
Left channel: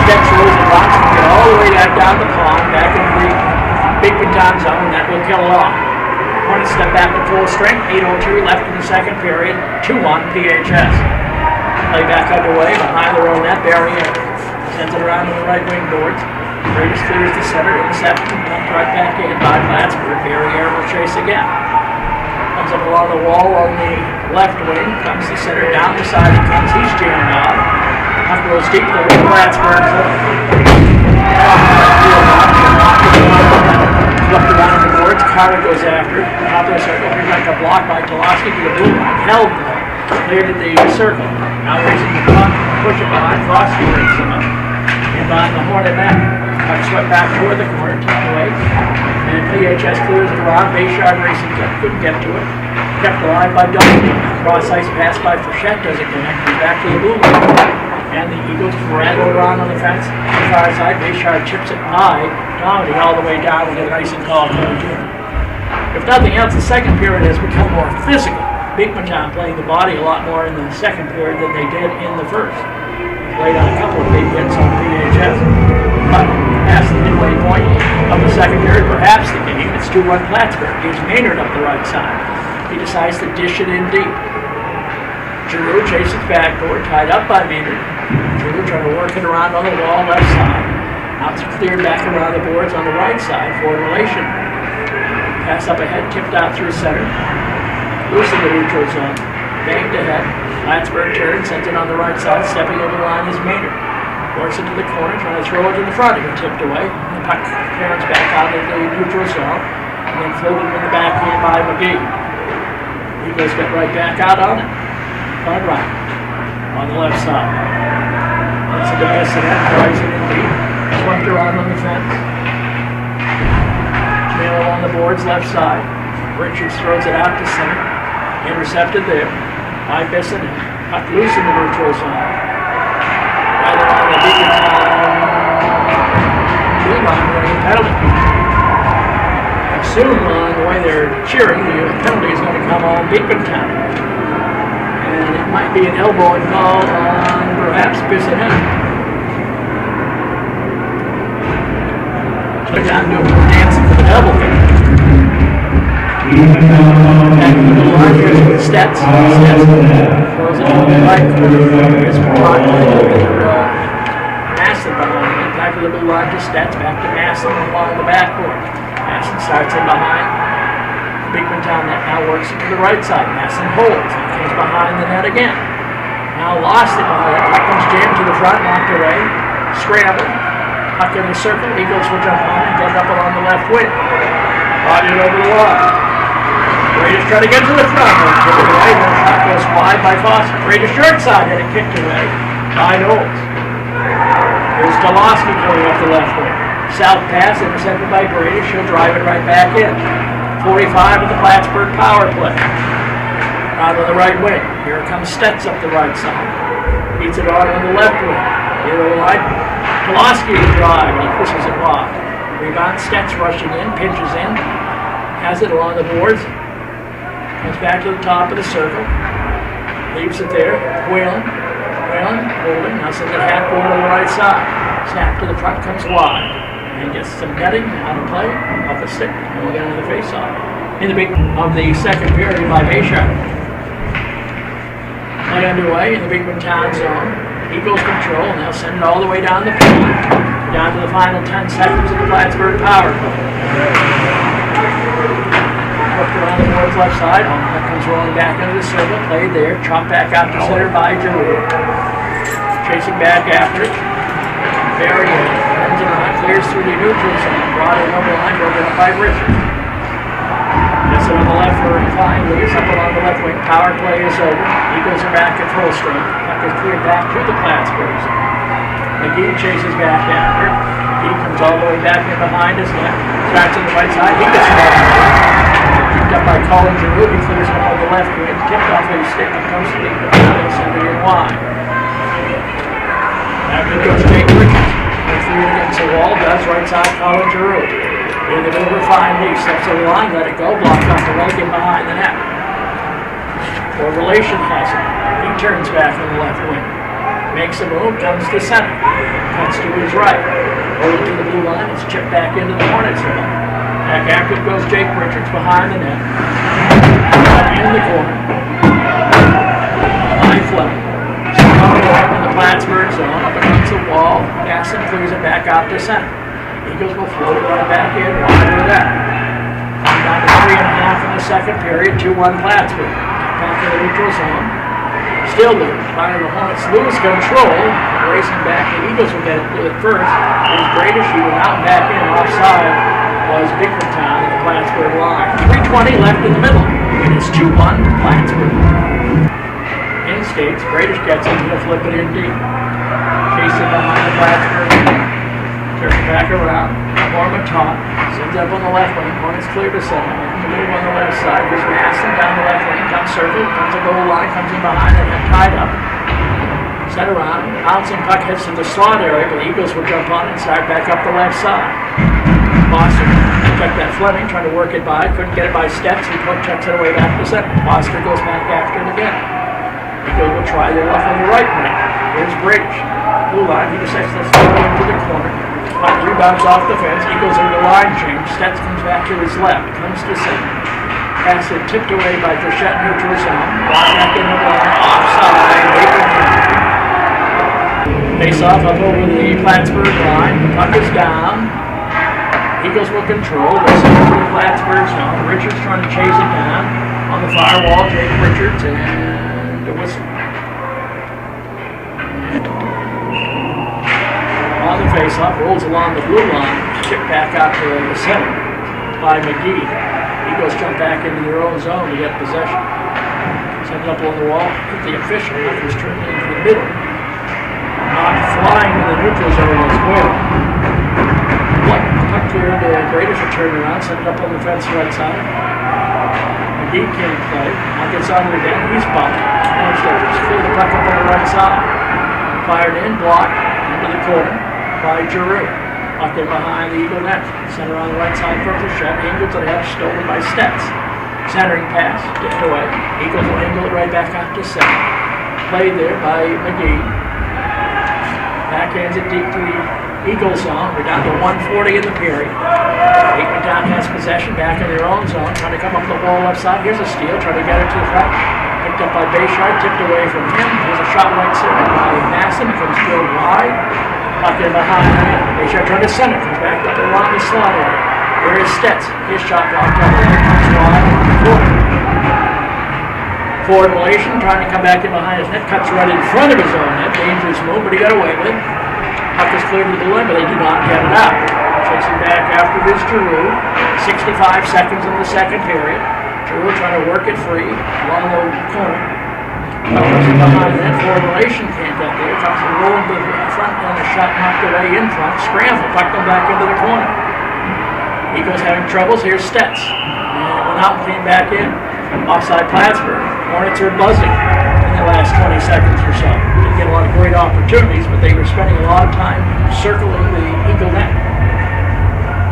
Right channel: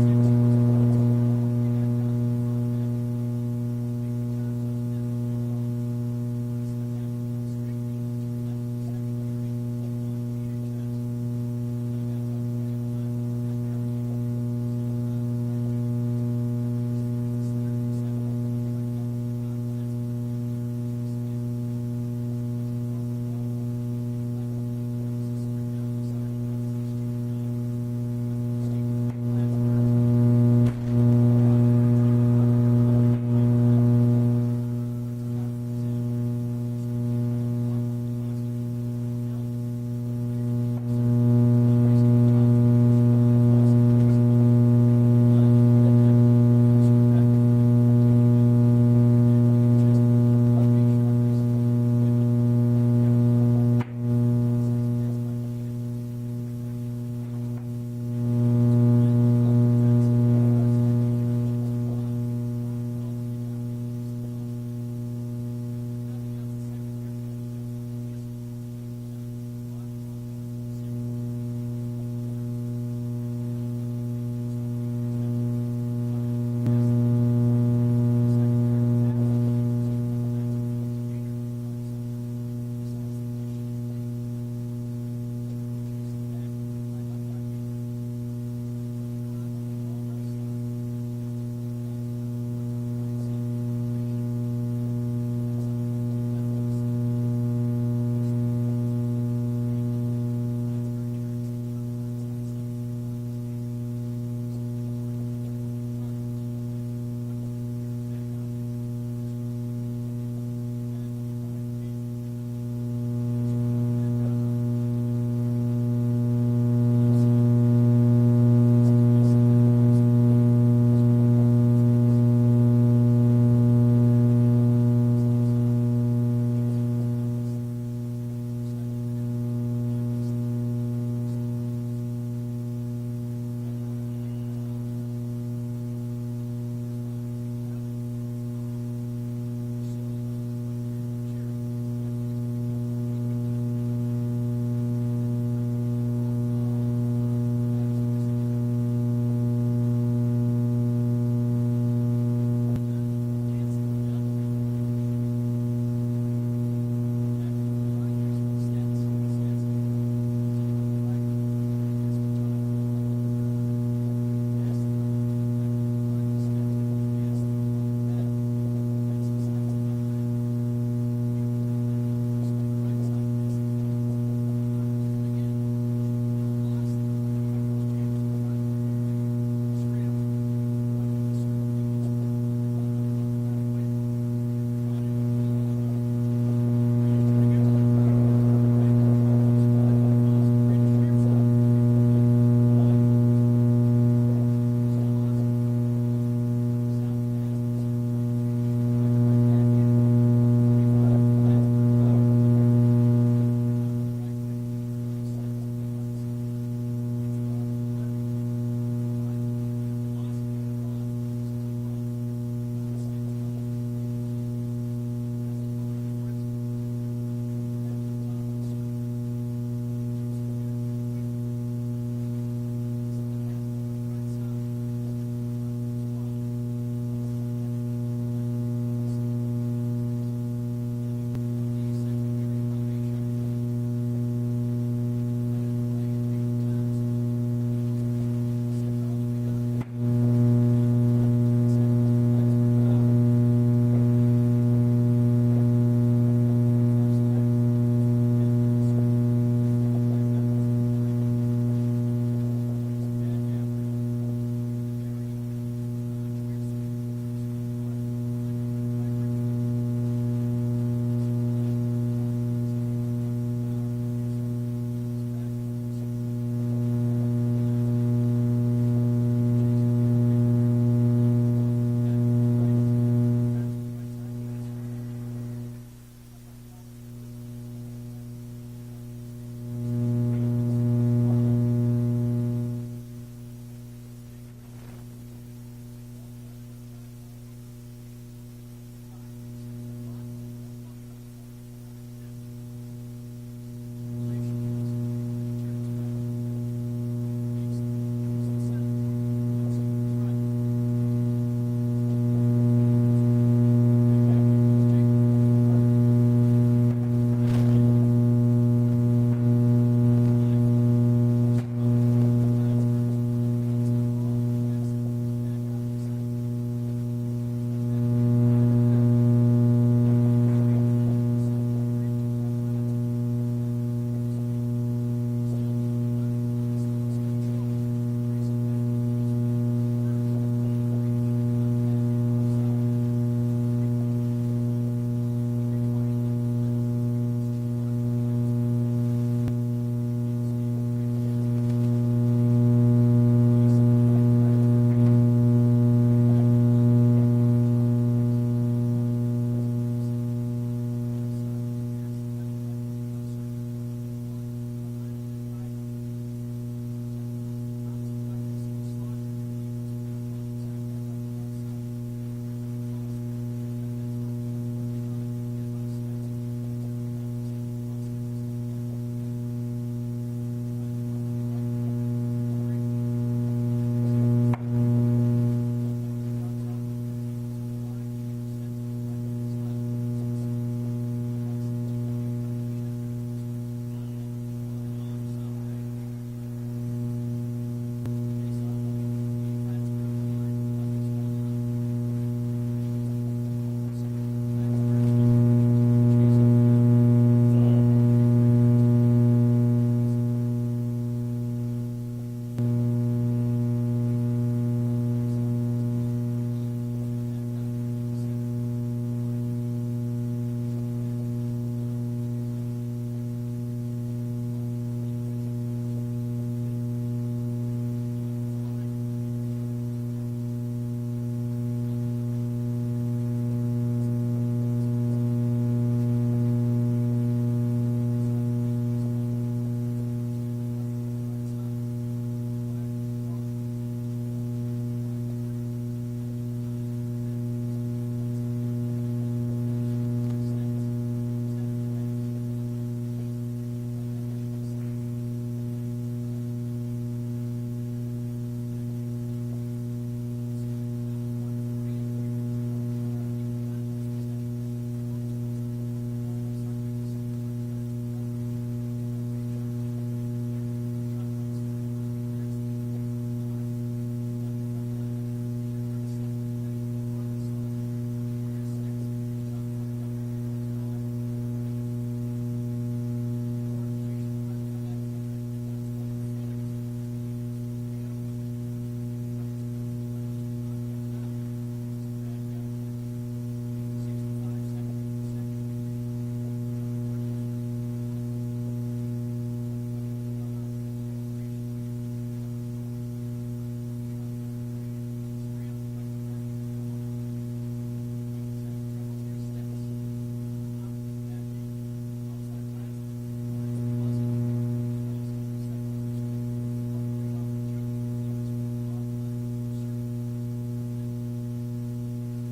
steps, rolls and rocks, and get all the way down the pond, back into the Beekmantown zone, and that will kill it off. Hornets step back at full strength, 8:02 left in the second period, 2-1 PHS. Play back underway behind their own net, Barry sends it around to the right wing boards. Greatest clears the center, intercepted, and dumped right back in by Plattsburgh. Barry will chase again. Comes up along the wall on the left wing, comes the center, down the side he comes, he's jammed off. Puck goes deep there with Plattsburgh. Flipped around the boards, Carter goes after it. Top of the circle, here's like a block by Tolosky to the blue line. Held though. Cleared at the circle. Now racing the puck, push it behind, Frosty breaks him up. And behind the Hornet net. Puck swept back toward the corner, tucked away. And PHS clears it around. Bayshard racing couldn't get to it. Kept alive by Duncan. Cross ice pass by Frechette doesn't connect. He's back to the blue line. And the Eagles rattle around on the fence. The far side, Bayshard chips it high. Dominating all the way down and get an icing call coming to him. If nothing else, the second period has become more physical. Beekmantown playing the body a lot more in the second period than they did in the first. Played on a couple of big hits on PHS. But past the midway point of the second period, perhaps the game, it's 2-1 Plattsburgh. Here's Maynard up the right side. He decides to dish it in deep. Giroux chases backboard, tied up by Maynard. Giroux trying to work it around on the wall left side. Now it's cleared back around the boards on the right side for relation. Pass up ahead, tipped out through center. Loose in the neutral zone. Banged ahead. Plattsburgh turns, sends it on the right side. Stepping over the line is Maynard. Works it to the corner, trying to throw it to the front. It got tipped away. The puck turns back out of the neutral zone. And then floated in the backhand by McGee. Eagles get right back out on it. Front right. On the left side. That's a defensive net. Drives it in deep. Swept around on the fence. Taylor on the boards left side. Richards throws it out to center. Intercepted there by Bissonnette. Puck loose in the neutral zone. Right along the Beekmantown blue line running penalty. Soon along the way they're cheering, the penalty is going to come on Beekmantown. And it might be an elbow call on perhaps Bissonnette. Took down to dancing for the double kick. Back to the line, here's Stetz. Stetz throws it on the right corner. Here's Mark. Masson behind him. Back to the blue line to Stetz. Back to Masson along the backboard. Masson starts in behind. Beekmantown net now works it to the right side. Masson holds. Comes behind the net again. Now lost it behind it. Puck comes jammed to the front, knocked away. Scramble. Puck in the circle. Eagles will jump on and get up along the left wing. Body it over the line. Raiders try to get to the front. Kick it away. The shot goes wide by Foster. Raiders short side had it kicked away by Knowles. Here's Tolosky going up the left wing. South pass intercepted by Brady. She'll drive it right back in. 45 of the Plattsburgh power play. Out on the right wing. Here comes Stetz up the right side. Beats it on the left wing. Here the line. Tolosky to drive. He pushes it wide. Rebound. Stetz rushing in. Pinches in. Has it along the boards. Comes back to the top of the circle. Leaves it there. Whalen, holding. Now sends it half board on the right side. Snap to the front, comes wide. And gets some netting out of play. Off the stick. And we'll get into the face-off. In the beginning of the second period by Bayshard. Play underway in the Beekmantown zone. Eagles control. Now send it all the way down the field. Down to the final 10 seconds of the Plattsburgh power play. Around the boards left side, that comes rolling back into the circle, played there, chopped back out to center by Giroux. Chasing back after it. Barry turns around, clears through the neutral zone, brought it over the line, broken up by Richards. Gets it on the left for Klein, leaves up along the left wing, power play is over. Eagles are back at full strength. Puck is cleared back to the Plattsburghs. McGee chases back after. He comes all the way back in behind his net. Starts on the right side, he gets it up by Colin Giroux. He clears it on the left wing, tipped off his stick and comes to the send it in wide. After goes Jake Richards. Threw it against the wall, does right side Colin Giroux. In the over 5 knee, steps to the line, let it go, blocked off the leg and behind the net. Or relation has it. He turns back on the left wing. Makes a move, comes to center. Cuts to his right. Over to the blue line. It's chipped back into the Hornets zone. Back after it goes Jake Richards behind the net. In the corner. High Fleming. In the Plattsburgh zone. Up against the wall. Gasson clears it back out to center. Eagles will float it right back in. Wide with that. Down to 3.5 in the second period. 2-1 Plattsburgh. Back to the neutral zone. Still there. Finally, the Hornets lose control. Racing back. The Eagles will get it first. There's Bradish. He went out and back in. Offside was Beekmantown at the Plattsburgh line. 3:20 left in the middle. It is 2-1 Plattsburgh. In skates. Bradish gets it. He'll flip it in deep. Chasing behind the Plattsburgh. Turns back around. Norman top. Sends up on the left wing. Hornets clear to center. Move on the left side. There's Masson down the left wing. Comes circle. Comes a goal line. Comes in behind and then tied up. Set around. Bouncing puck hits in the slot area, but the Eagles will jump on and start back up the left side. Foster checked that Fleming, trying to work it by. Couldn't get it by steps. He checks it away back to center. Foster goes back after it again. Eagles will try their luck on the right wing. Here's Bradish. Blue line. He decides to throw it into the corner. Puck rebounds off the fence. Eagles in the line change. Stets comes back to his left. Comes to center. Pass it tipped away by Frechette neutral zone. Blocked back in the line. Offside. Face off up over the Plattsburgh line. The puck is down. Eagles will control. They'll send it to the Plattsburgh zone. Richards trying to chase it down. On the far wall, Jake Richards and the whistle. On the face-off, rolls along the blue line, chipped back out to the center by McGee. Eagles jump back into their own zone to get possession. Send it up on the wall, hit the official, who's turned into the middle. Not flying in the neutral zone as well. Puck clear into Bradish, a turnaround, send it up on the fence right side. McGee can't play. Puck gets on it again, he's bumped. Just clear the puck up on the right side. Fired in, blocked, into the corner by Giroux. Puck in behind the Eagle net. Center on the right side for Frechette. Angled to the head, stolen by Stets. Centering pass, tipped away. Eagles will angle it right back out to center. Played there by McGee. Backhands it deep to the Eagle zone. We're down to 1:40 in the period. Beekmantown has possession back in their own zone. Trying to come up the wall left side. Here's a steal. Trying to get it to the front. Picked up by Bayshard. Tipped away from him. Here's a shot right side by Masson. Comes still wide. Puck in behind him. Bayshard trying to center. Comes back up along the slot area. There is Stets. His shot blocked up. Comes wide. Forward relation, trying to come back in behind his net, cuts right in front of his own net. Dangerous move, but he got away with it. Puck is cleared to the line, but they do not get it out. Chasing back after this Giroux. 65 seconds in the second period. Giroux trying to work it free along the corner. Puck comes in behind that. Forward relation can't get there. Comes to roll into the front and a shot knocked away in front. Scramble, puck them back into the corner. Eagles having troubles. Here's Stets. And went out and came back in. Offside Plattsburgh. Hornets are buzzing in the last 20 seconds or so. Didn't get a lot of great opportunities, but they were spending a lot of time circling the Eagle net.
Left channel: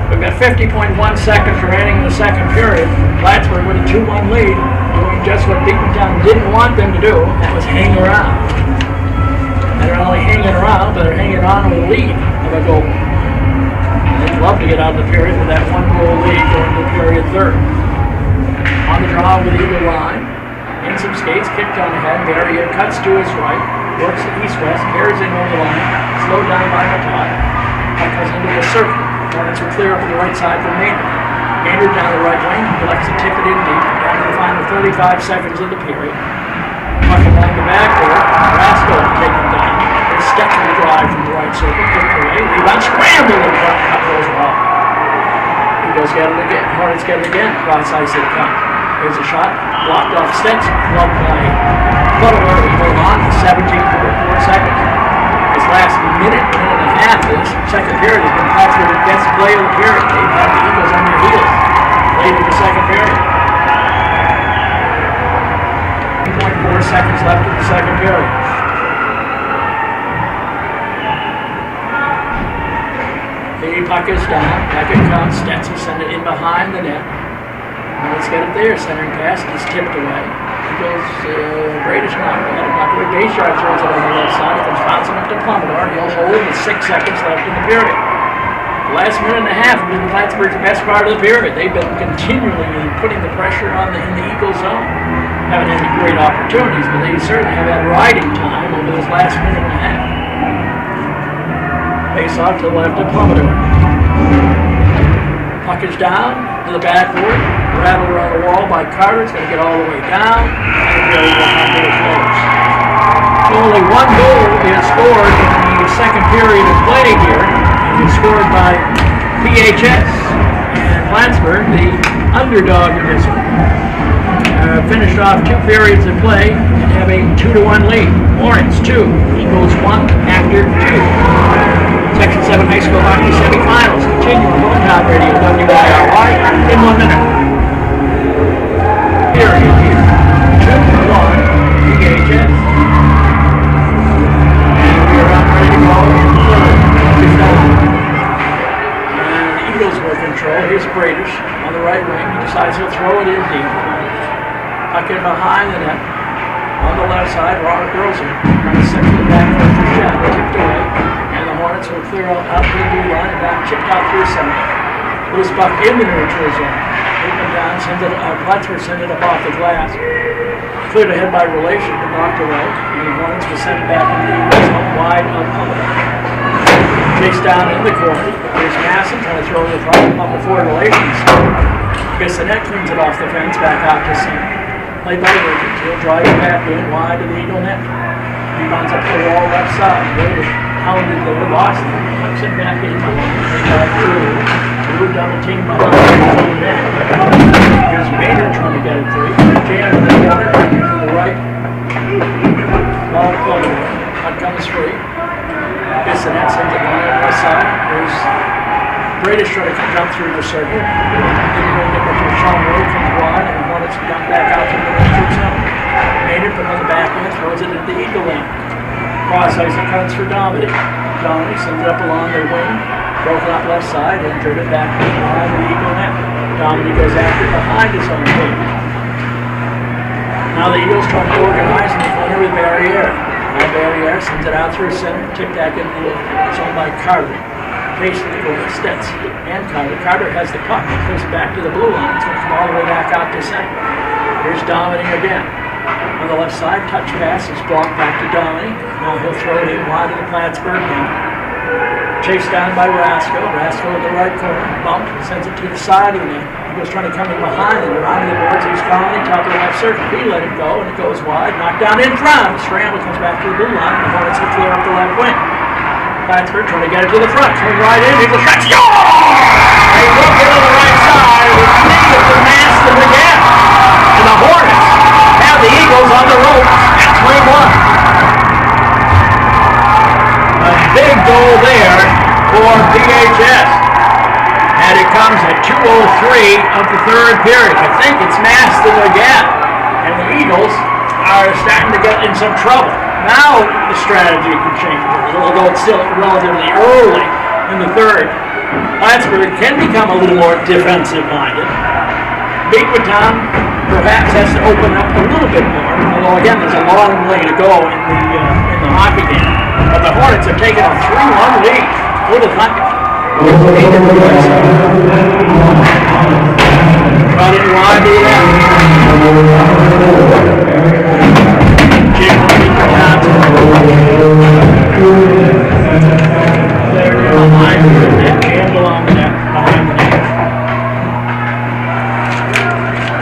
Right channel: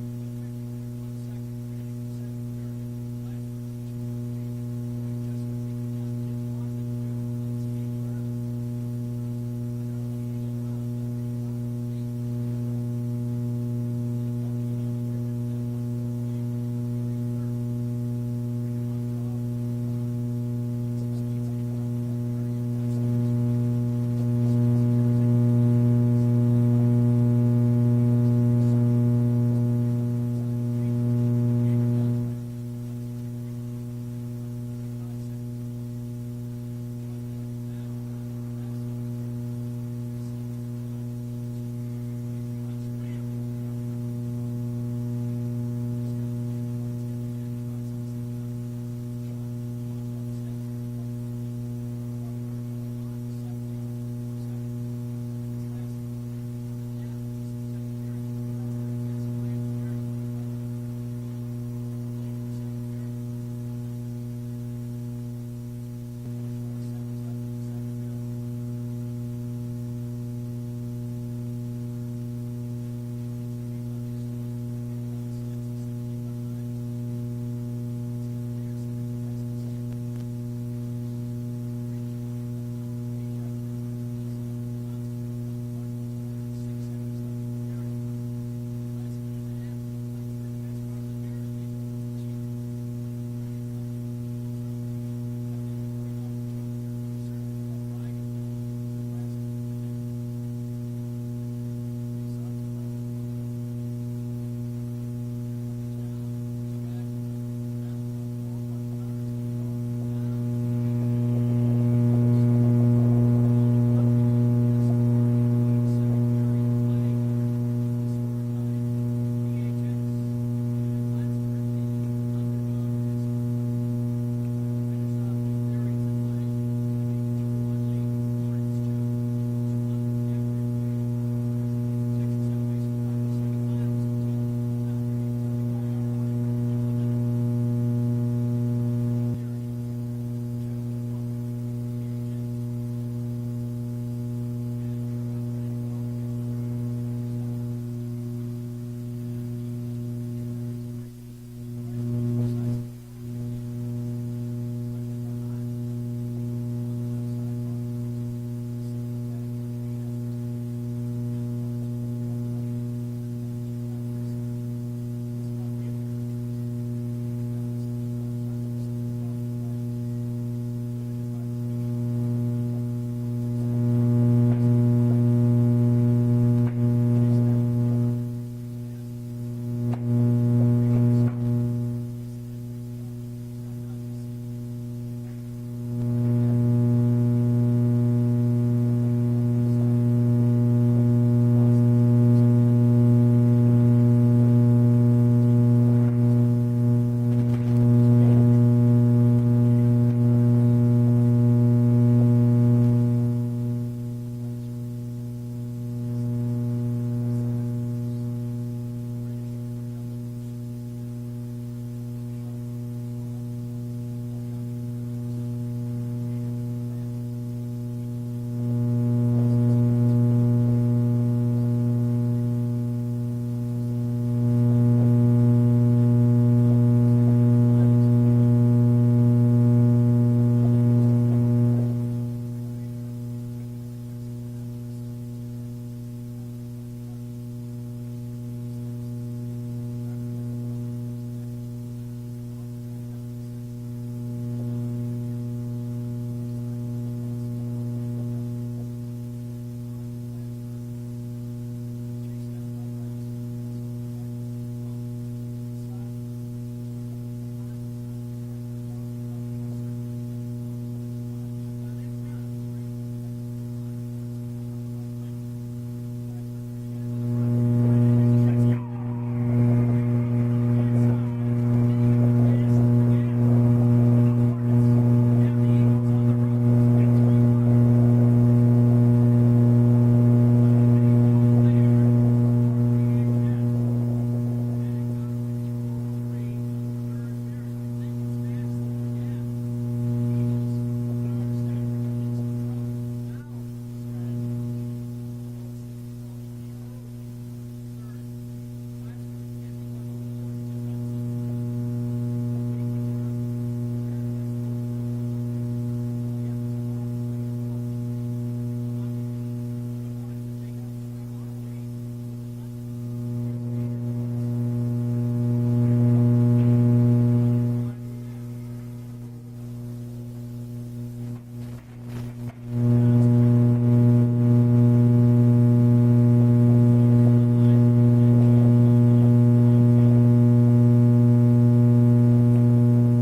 We've got 50.1 seconds remaining in the second period. Plattsburgh with a 2-1 lead, doing just what Beekmantown didn't want them to do, and that was hang around. And they're not only hanging around, but they're hanging on with a lead of a goal. And they'd love to get out of the period with that 1-goal lead going to period third. On the draw with the Eagle line. In some skates, kicked on ahead. Barrier cuts to his right. Works east-west. Carries in over the line. Slowed down by Matot. Puck goes into the circle. Hornets will clear up on the right side for Maynard. Maynard down the right wing. Collects a ticket in deep. Down to the final 35 seconds of the period. Puck along the backboard. Rasko taken down. There's Stets in the drive from the right circle. Kicked away. Rebound. Scramble in front. Puck goes off. Eagles get it again. Hornets get it again. Cross ice it comes. There's a shot. Blocked off Stets. Gloved by Butler. Hold on to 17.4 seconds. This last minute and a half of this second period has been Plattsburgh's best play of the period. They've had the Eagles on their heels late in the second period. 2.4 seconds left in the second period. The puck is down. Back it comes. Stets will send it in behind the net. Let's get it there. Centering pass is tipped away. goes Bradish knocked it. Knocked away. Gayshard throws it on the left side. It comes bouncing up to Plummer. He'll hold with 6 seconds left in the period. The last minute and a half has been Plattsburgh's best part of the period. They've been continually putting the pressure on in the Eagle zone. Haven't had any great opportunities, but they certainly have had riding time over this last minute and a half. Face off to the left of Plummer. Puck is down to the backboard. Rattled around the wall by Carter. It's going to get all the way down. And really will not be close. Only one goal is scored in the second period of play here. It was scored by PHS. And Plattsburgh, the underdog in this one, finished off 2 periods of play and have a 2-1 lead. Hornets 2, Eagles 1 after 2. Section 7 High School Hockey Semifinals continue on Top Radio WIRY in 1 minute. Period here. 2-1 PHS. And we are up ready to go in the third. And the Eagles were in control. Here's Bradish on the right wing. He decides he'll throw it in deep. Puck in behind the net. On the left side, Robert Rosen trying to set to the back for Frechette. Tipped away. And the Hornets will clear out to the blue line and back chipped out through center. Loose puck in the neutral zone. Beekmantown sends it, Plattsburgh sends it up off the glass. Cleared ahead by Relation, but knocked away. And the Hornets will send it back into the Eagles zone wide of Plummer. Chased down in the corner. There's Masson trying to throw the puck up before Relations. Bissonette cleans it off the fence back out to center. Played by Wilkins. He'll drive it back in wide to the Eagle net. He runs up the wall left side. Wilkins hounded the Boston. Puts it back in. Blue double team by the net. Here's Bader trying to get it free. Jam in the corner. To the right. Ball forward. Puck comes free. Bissonette sends it on the left side. There's Bradish trying to jump through the circle. Didn't really get much of a shot. Road comes wide. And Hornets got back out to the neutral zone. Maynard put on the back end, throws it into the Eagle lane. Cross ice it cuts for Dominic. Dominic sends it up along the wing. Broken up left side and turned it back behind the Eagle net. Dominic goes after it behind his own goal. Now the Eagles trying to organize in the corner with Barriere. Now Barriere sends it out through center. Tipped back into the zone by Carter. Facing the goal, Stets and Carter. Carter has the puck. Goes back to the blue line. It's going to come all the way back out to center. Here's Dominic again. On the left side, touch pass is blocked back to Dominic. Now he'll throw it in wide of the Plattsburgh net. Chased down by Rasko. Rasko in the right corner. Bumped. Sends it to the side of the net. He was trying to come in behind him. Around the boards, he's calling. Top of the left circle. He let it go, and it goes wide. Knocked down in front. Scramble comes back to the blue line. The Hornets will clear up the left wing. Plattsburgh trying to get it to the front. Coming right in. Eagle shot. They look it on the right side. It's needed to master the gap. And the Hornets have the Eagles on the rope at 3-1. A big goal there for PHS. And it comes at 2:03 of the third period. I think it's mastered the gap. And the Eagles are starting to get in some trouble. Now the strategy can change, although it's still relatively early in the third. Plattsburgh can become a little more defensive-minded. Beekmantown perhaps has to open up a little bit more, although again there's a long way to go in the hockey game. But the Hornets have taken a 3-1 lead. Who'd have thought it? Brought it wide to the left. There behind the net, jammed along the net, behind the net.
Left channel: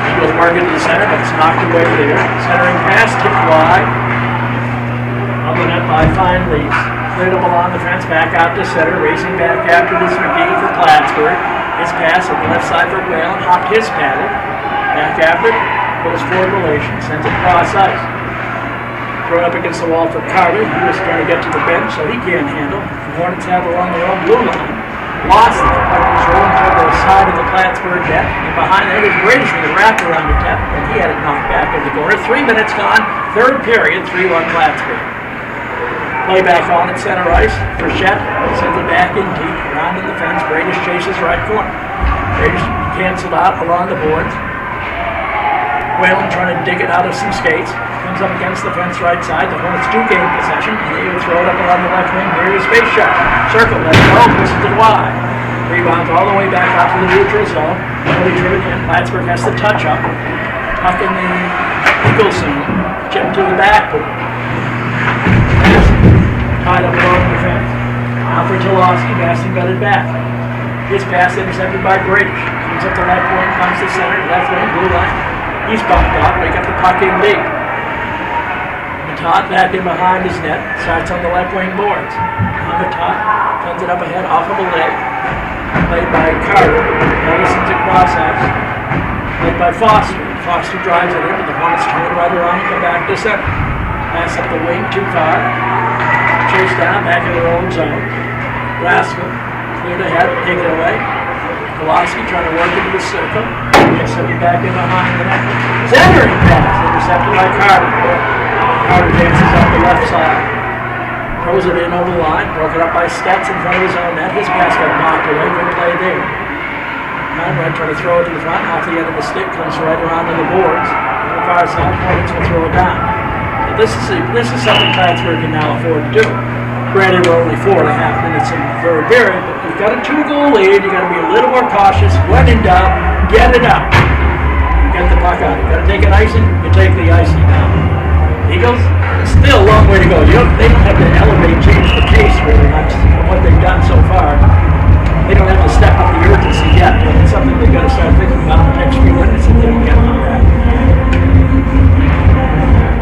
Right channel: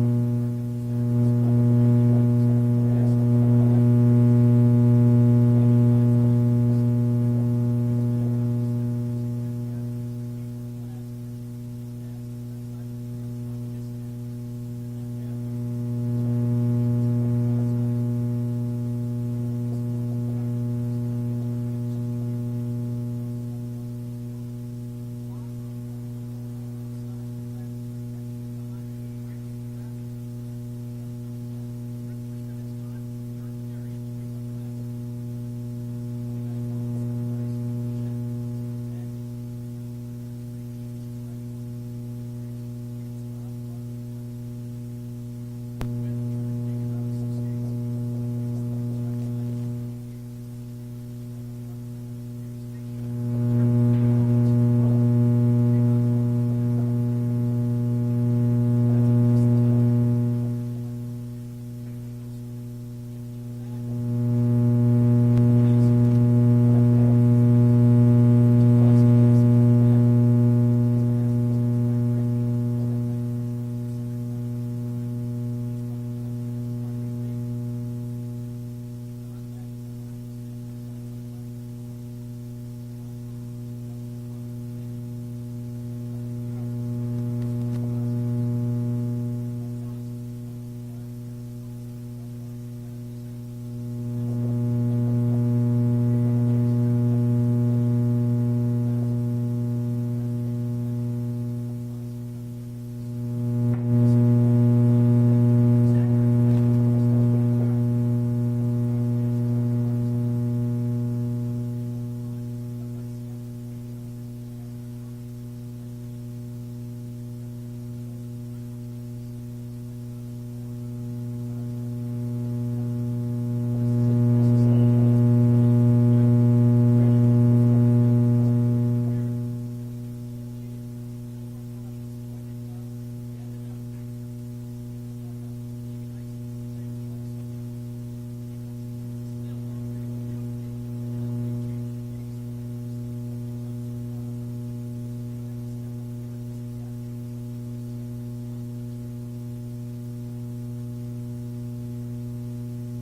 Eagles work into the center, but it's knocked away there. Centering pass, tipped wide. On the net by Fine Leafs. Cleared up along the fence, back out to center, racing back after this McGee for Plattsburgh. His pass on the left side for Whalen, hopped his paddle. Back after, goes forward Relation, sends it cross ice. Thrown up against the wall for Carter. He was trying to get to the bench, so he can't handle. The Hornets have along their own blue line. Lost it. Puck was rolling toward the side of the Plattsburgh net. And behind there was Bradish with a wrap around the net, and he had it knocked back in the corner. 3 minutes gone. Third period, 3-1 Plattsburgh. Play back on at center ice. Frechette sends it back in deep. Around in the fence. Bradish chases right corner. Bradish canceled out along the boards. Whalen trying to dig it out of some skates. Comes up against the fence right side. The Hornets do gain possession, and they will throw it up along the left wing. Here is space shot. Circle, let it go, pushes it wide. Rebounds all the way back out to the neutral zone. Early driven in. Plattsburgh has to touch up. Puck in the Eagle zone. Chip to the backboard. Tied up along the fence. Now for Tolosky, Masson got it back. His pass intercepted by British. Comes up the left wing, comes to center, left wing, blue line. He's bumped off, they got the puck in deep. Matot back in behind his net, starts on the left wing boards. Matot sends it up ahead off of a leg. Played by Carter. Ellison's across ice. Played by Foster. Foster drives it in, but the Hornets turn it right around and come back to center. Pass up the wing too far. Chase down, back in their own zone. Rascal. Cleared ahead, take it away. Kowalski trying to work into the circle. Gets it back in behind the net. Centering pass, intercepted by Carter. Carter dances up the left side. Throws it in over the line. Broke it up by Stetz in front of his own net. His pass got knocked away. Good play there. Conrad trying to throw it to the front. Off the end of the stick. Comes right around to the boards. On the far side, Hornets will throw it down. So this is something Plattsburgh can now afford to do. Granted, we're only 4.5 minutes in the third period, but you've got a 2-goal lead. You've got to be a little more cautious. When in doubt, get it out. Get the puck out. You've got to take an icing, you take the icing now. Eagles, still a long way to go. They don't have to elevate, change the pace really much from what they've done so far. They don't have to step up the urgency yet, but it's something they've got to start thinking about the next few minutes if they can get on that.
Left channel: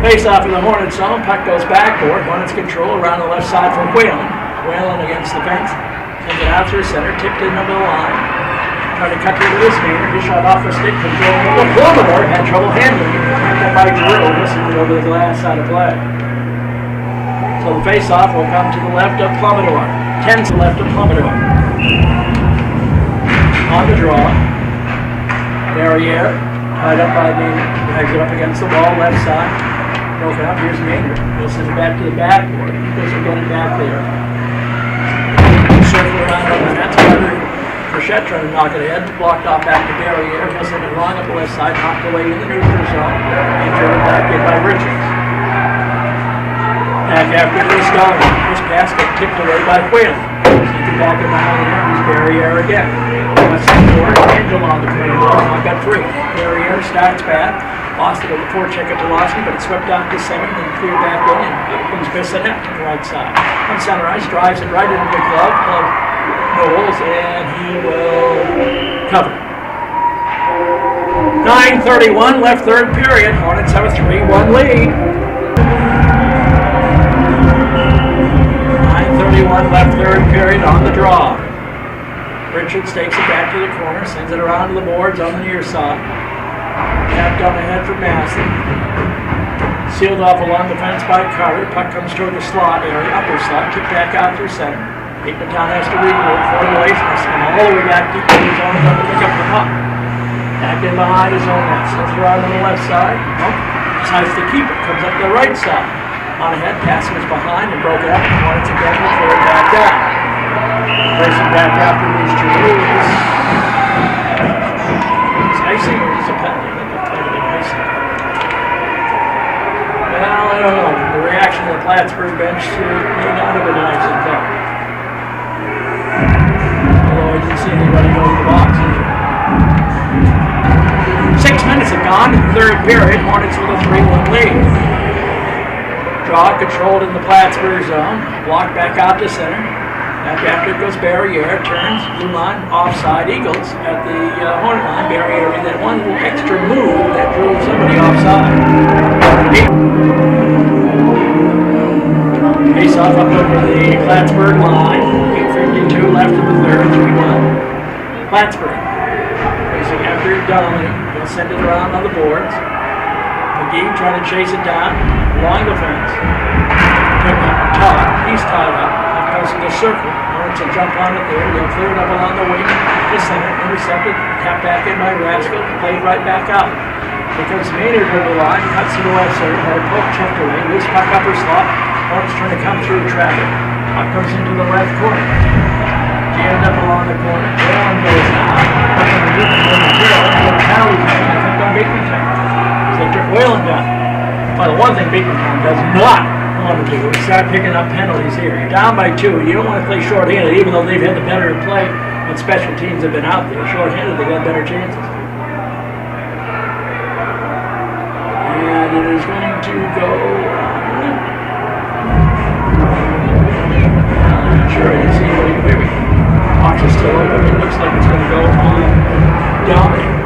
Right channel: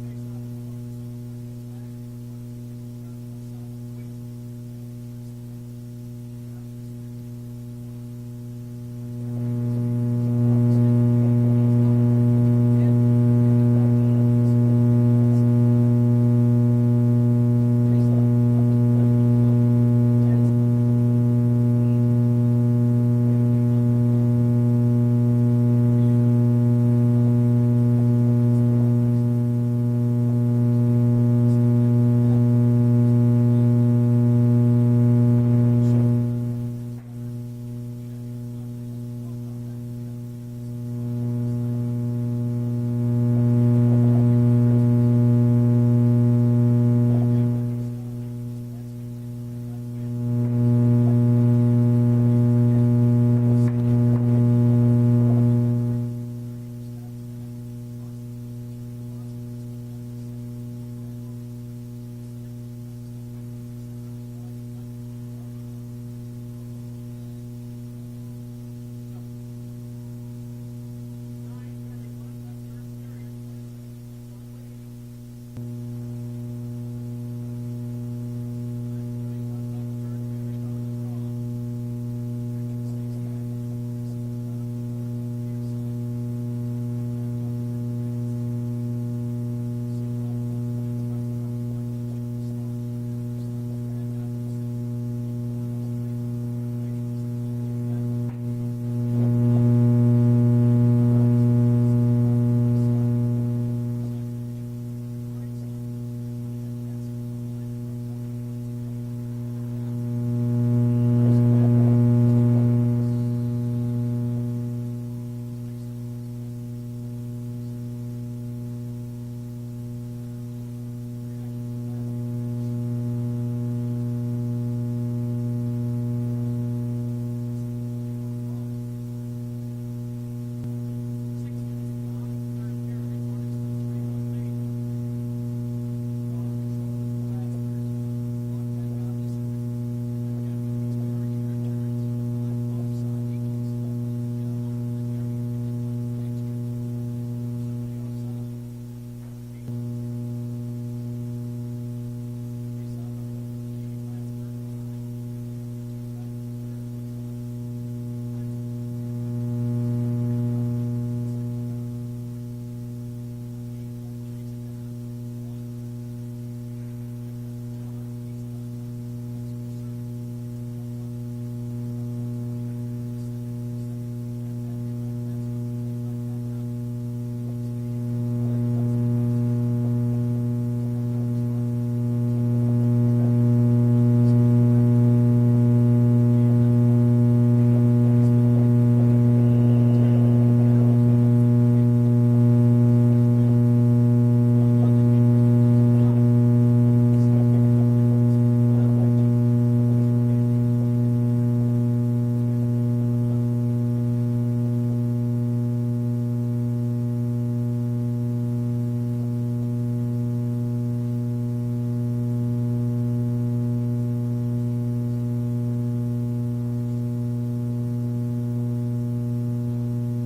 Face off in the Hornets zone, puck goes backboard. Hornets control around the left side from Whalen. Whalen against the fence. Sends it out through center, tipped in over the line. Trying to cut through with his finger. His shot off the stick from Joel Plummer. Had trouble handling it. That by Drew. Listened over the glass side of play. So the face off will come to the left of Plummer. 10 to the left of Plummer. On the draw. Barriere. Tied up by the exit up against the wall, left side. Broken up, here's Maynard. He'll send it back to the backboard. Eagles are getting back there. Circle around on the net. Frechette trying to knock it ahead. Blocked off back to Barriere. He'll send it long up the left side, knocked away in the neutral zone. And driven back in by Richards. Back after this down. This pass got tipped away by Whalen. Sent it back in behind the net. Barriere again. West forward. Angel on the corner. Now got 3. Barriere starts back. Lost it on the forecheck of Tolosky, but it swept down to center and cleared back in, and brings Bissonnette to the right side. On center ice, drives it right into the glove of Knowles, and he will cover. 9:31 left third period. Hornets have a 3-1 lead. 9:31 left third period on the draw. Richards takes it back to the corner, sends it around to the boards on the near side. Tapped on ahead for Masson. Sealed off along the fence by Carter. Puck comes toward the slot area, upper slot, kicked back out through center. Beekmantown has to regroup, formulations, and all the way back deep in his own zone to pick up the puck. Back in behind his own net, sends it around on the left side. Decides to keep it, comes up the right side. On ahead, pass was behind and broke it up, and Hornets again will clear it back down. Racing back after these 2 moves. Is icing or is it penalty? Well, I don't know. The reaction of the Plattsburgh bench may not have been icing though. Although I didn't see anybody go to the box either. 6 minutes have gone in the third period. Hornets with a 3-1 lead. Draw controlled in the Plattsburgh zone. Blocked back out to center. Back after it goes Barriere, turns, blue line, offside, Eagles at the Hornet line. Barriere in that one little extra move that drew somebody offside. Face off up over the Plattsburgh line. 8:52 left in the third, 3-1. Plattsburgh. Racing after Donnelly. He'll send it around on the boards. McGee trying to chase it down along the fence. Todd, he's tied up. Goes to the circle. Hornets will jump on it there. They'll clear it up along the wing. The center, intercepted, tapped back in by Rascal, played right back out. Here comes Maynard over the line, cuts to the left side, or poke checked away, loose puck upper slot. Hornets trying to come through traffic. Puck comes into the left corner. Jammed up along the corner. Whalen goes down. Puck on the Beekmantown. I think on Beekmantown. thing Beekmantown does not want to do is start picking up penalties here. You're down by 2. You don't want to play shorthanded, even though they've had the better play when special teams have been out there. Shorthanded, they got better chances. And it is going to go. I'm not sure. I can see maybe box is still open. It looks like it's going to go on down.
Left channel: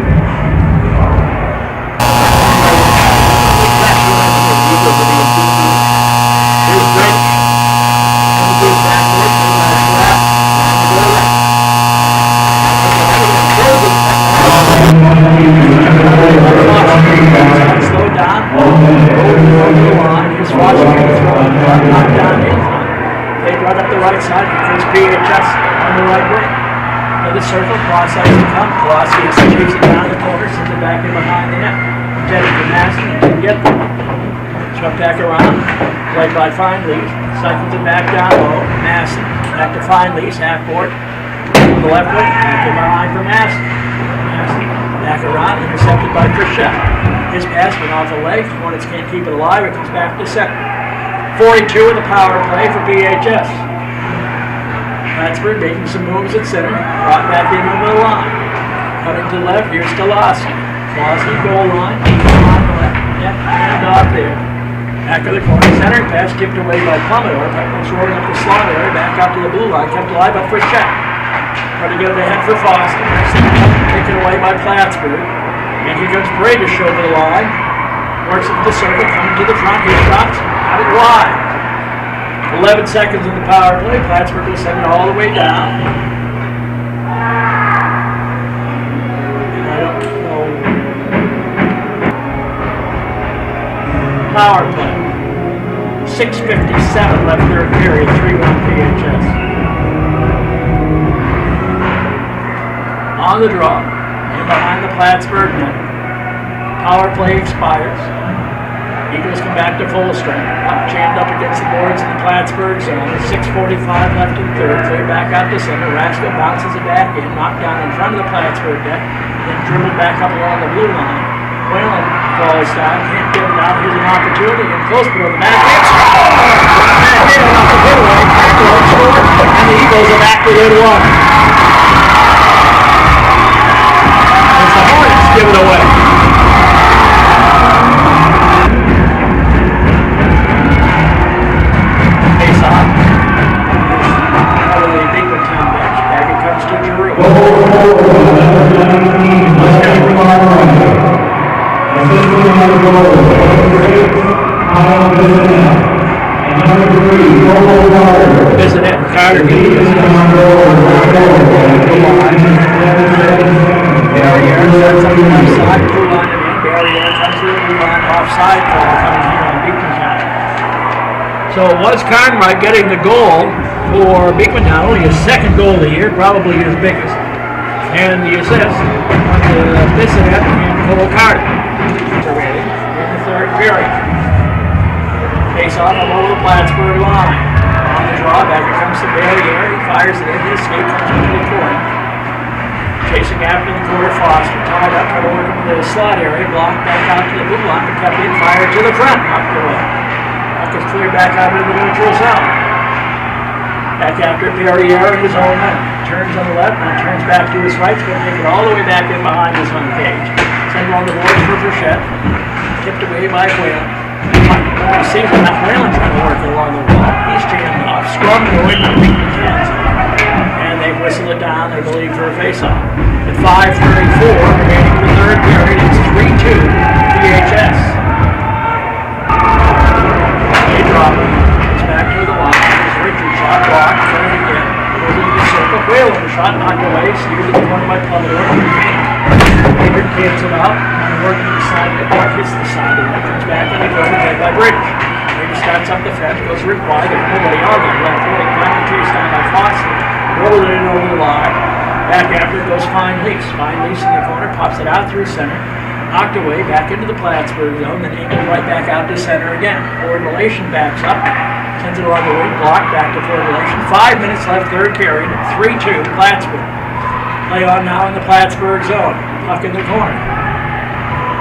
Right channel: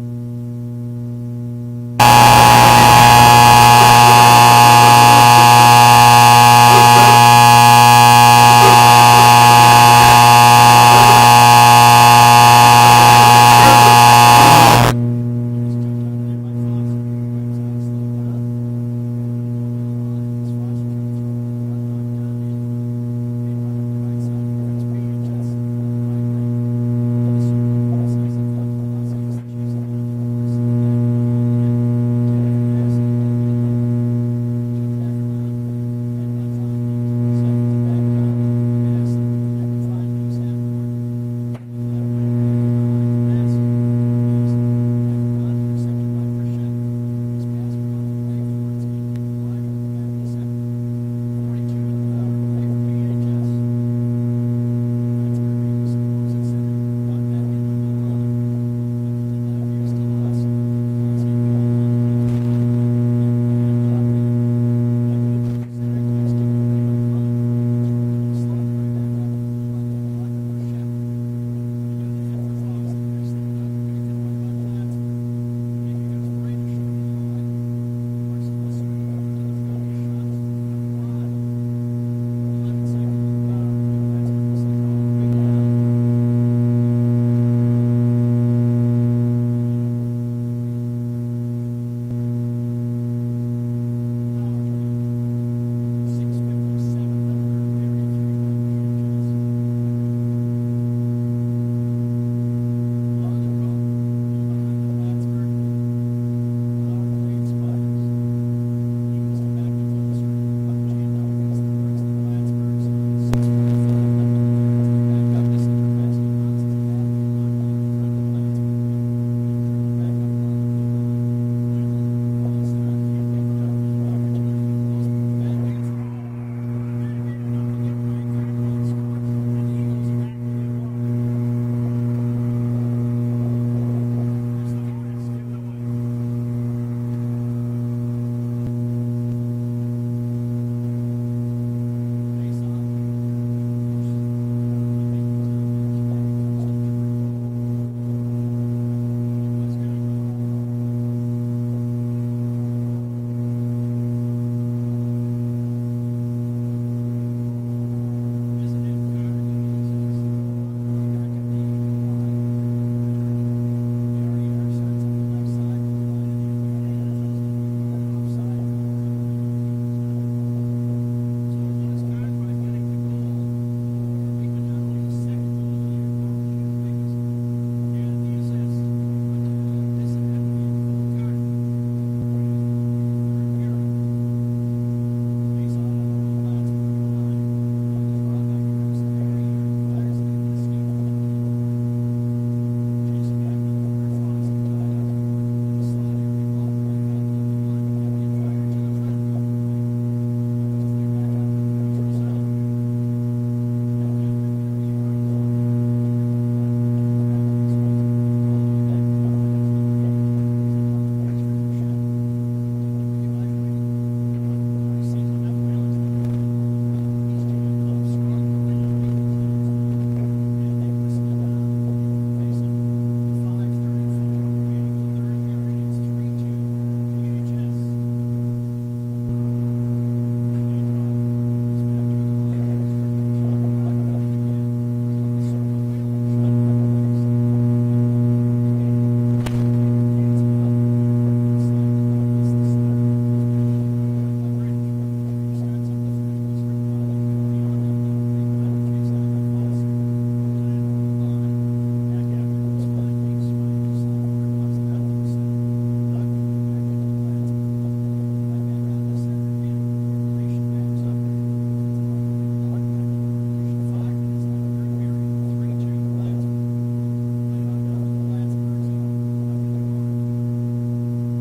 Circle, cross ice and come. Velocity is chasing down the corner, sends it back in behind the net. Intended for Massey, didn't get them. Swept back around, played by Findley. Cycles it back down low. Massey, back to Findley, half board. On the left wing, back in behind for Massey. Massey, back around, intercepted by Frechette. His pass went off the leg. Hornets can't keep it alive. It comes back to center. 42 in the power play for BHS. Plattsburgh making some moves at center, brought back in over the line. Cutting to the left, here's Stalowski. Stalowski goal line, on the left, net, hand off there. Back of the corner, center pass tipped away by Plummer. Peckman's rolling up the slot area, back out to the blue line, kept alive by Frechette. Trying to get the head for Foster. Next thing taken away by Plattsburgh. And here comes Bradish over the line. Works up the circle, coming to the front, his shots, out it wide. 11 seconds in the power play. Plattsburgh will send it all the way down. And I don't know. Power play. 6:57 left third period. 3-1 PHS. On the draw. And behind the Plattsburgh net. Power play expires. Eagles come back to full strength. Up, jammed up against the boards in the Plattsburgh zone. 6:45 left in the third. Clear back out to center. Rasko bounces it back in. Knocked down in front of the Plattsburgh deck. Then dribbled back up along the blue line. Whalen falls down. Can't get it out. Here's an opportunity. And close below the back. Matt Hale off the giveaway. Crackle scored. And the Eagles are back within one. As the Hornets give it away. Isn't it? Carter Barrier sets up the left side, blue line and in. Barrier comes to the blue line offside call coming here on Beekmantown. So it was Cartwright getting the goal for Beekmantown, only his second goal of the year, probably his biggest. And the assist to Bissonette and Cole Carter. In the third period. Face off over the Plattsburgh line. On the draw, back here comes the Barrier. He fires it in. His skate comes into the corner. Chasing after the quarter, Foster. Tied up, trying to work into the slot area. Blocked back out to the blue line, but kept in. Fired to the front. Knocked away. Puck is cleared back out into the neutral zone. Back after Barrier in his own net. Turns on the left, and turns back to his right. He's going to take it all the way back in behind his own cage. Send on the boards for Frechette. Tipped away by Whalen. You see that Whalen trying to work along the wall. He's jammed off. Scrum going to beat the Cats. And they whistle it down, they believe, for a face-off. At 5:34, remaining in the third period, it's 3-2 PHS. They drop it. It's back to the line. There's Richard shot blocked. Turn again. Goes into the circle. Whalen shot knocked away. Steered to the corner by Plummer. Favorite kids it out. Working the side of the puck, hits the side of it. Comes back in the corner, played by British. British starts up the fence, goes Rick wide. There's nobody on the left wing. Back to chase down by Foster. Rolled it in over the line. Back after it goes Fine-Lease. Fine-Lease in the corner, pops it out through center. Knocked away, back into the Plattsburgh zone, then angled right back out to center again. Forward relation backs up. Sends it along the wing, blocked back to forward relation. 5 minutes left, third period. 3-2 Plattsburgh. Play on now in the Plattsburgh zone. Puck in the corner.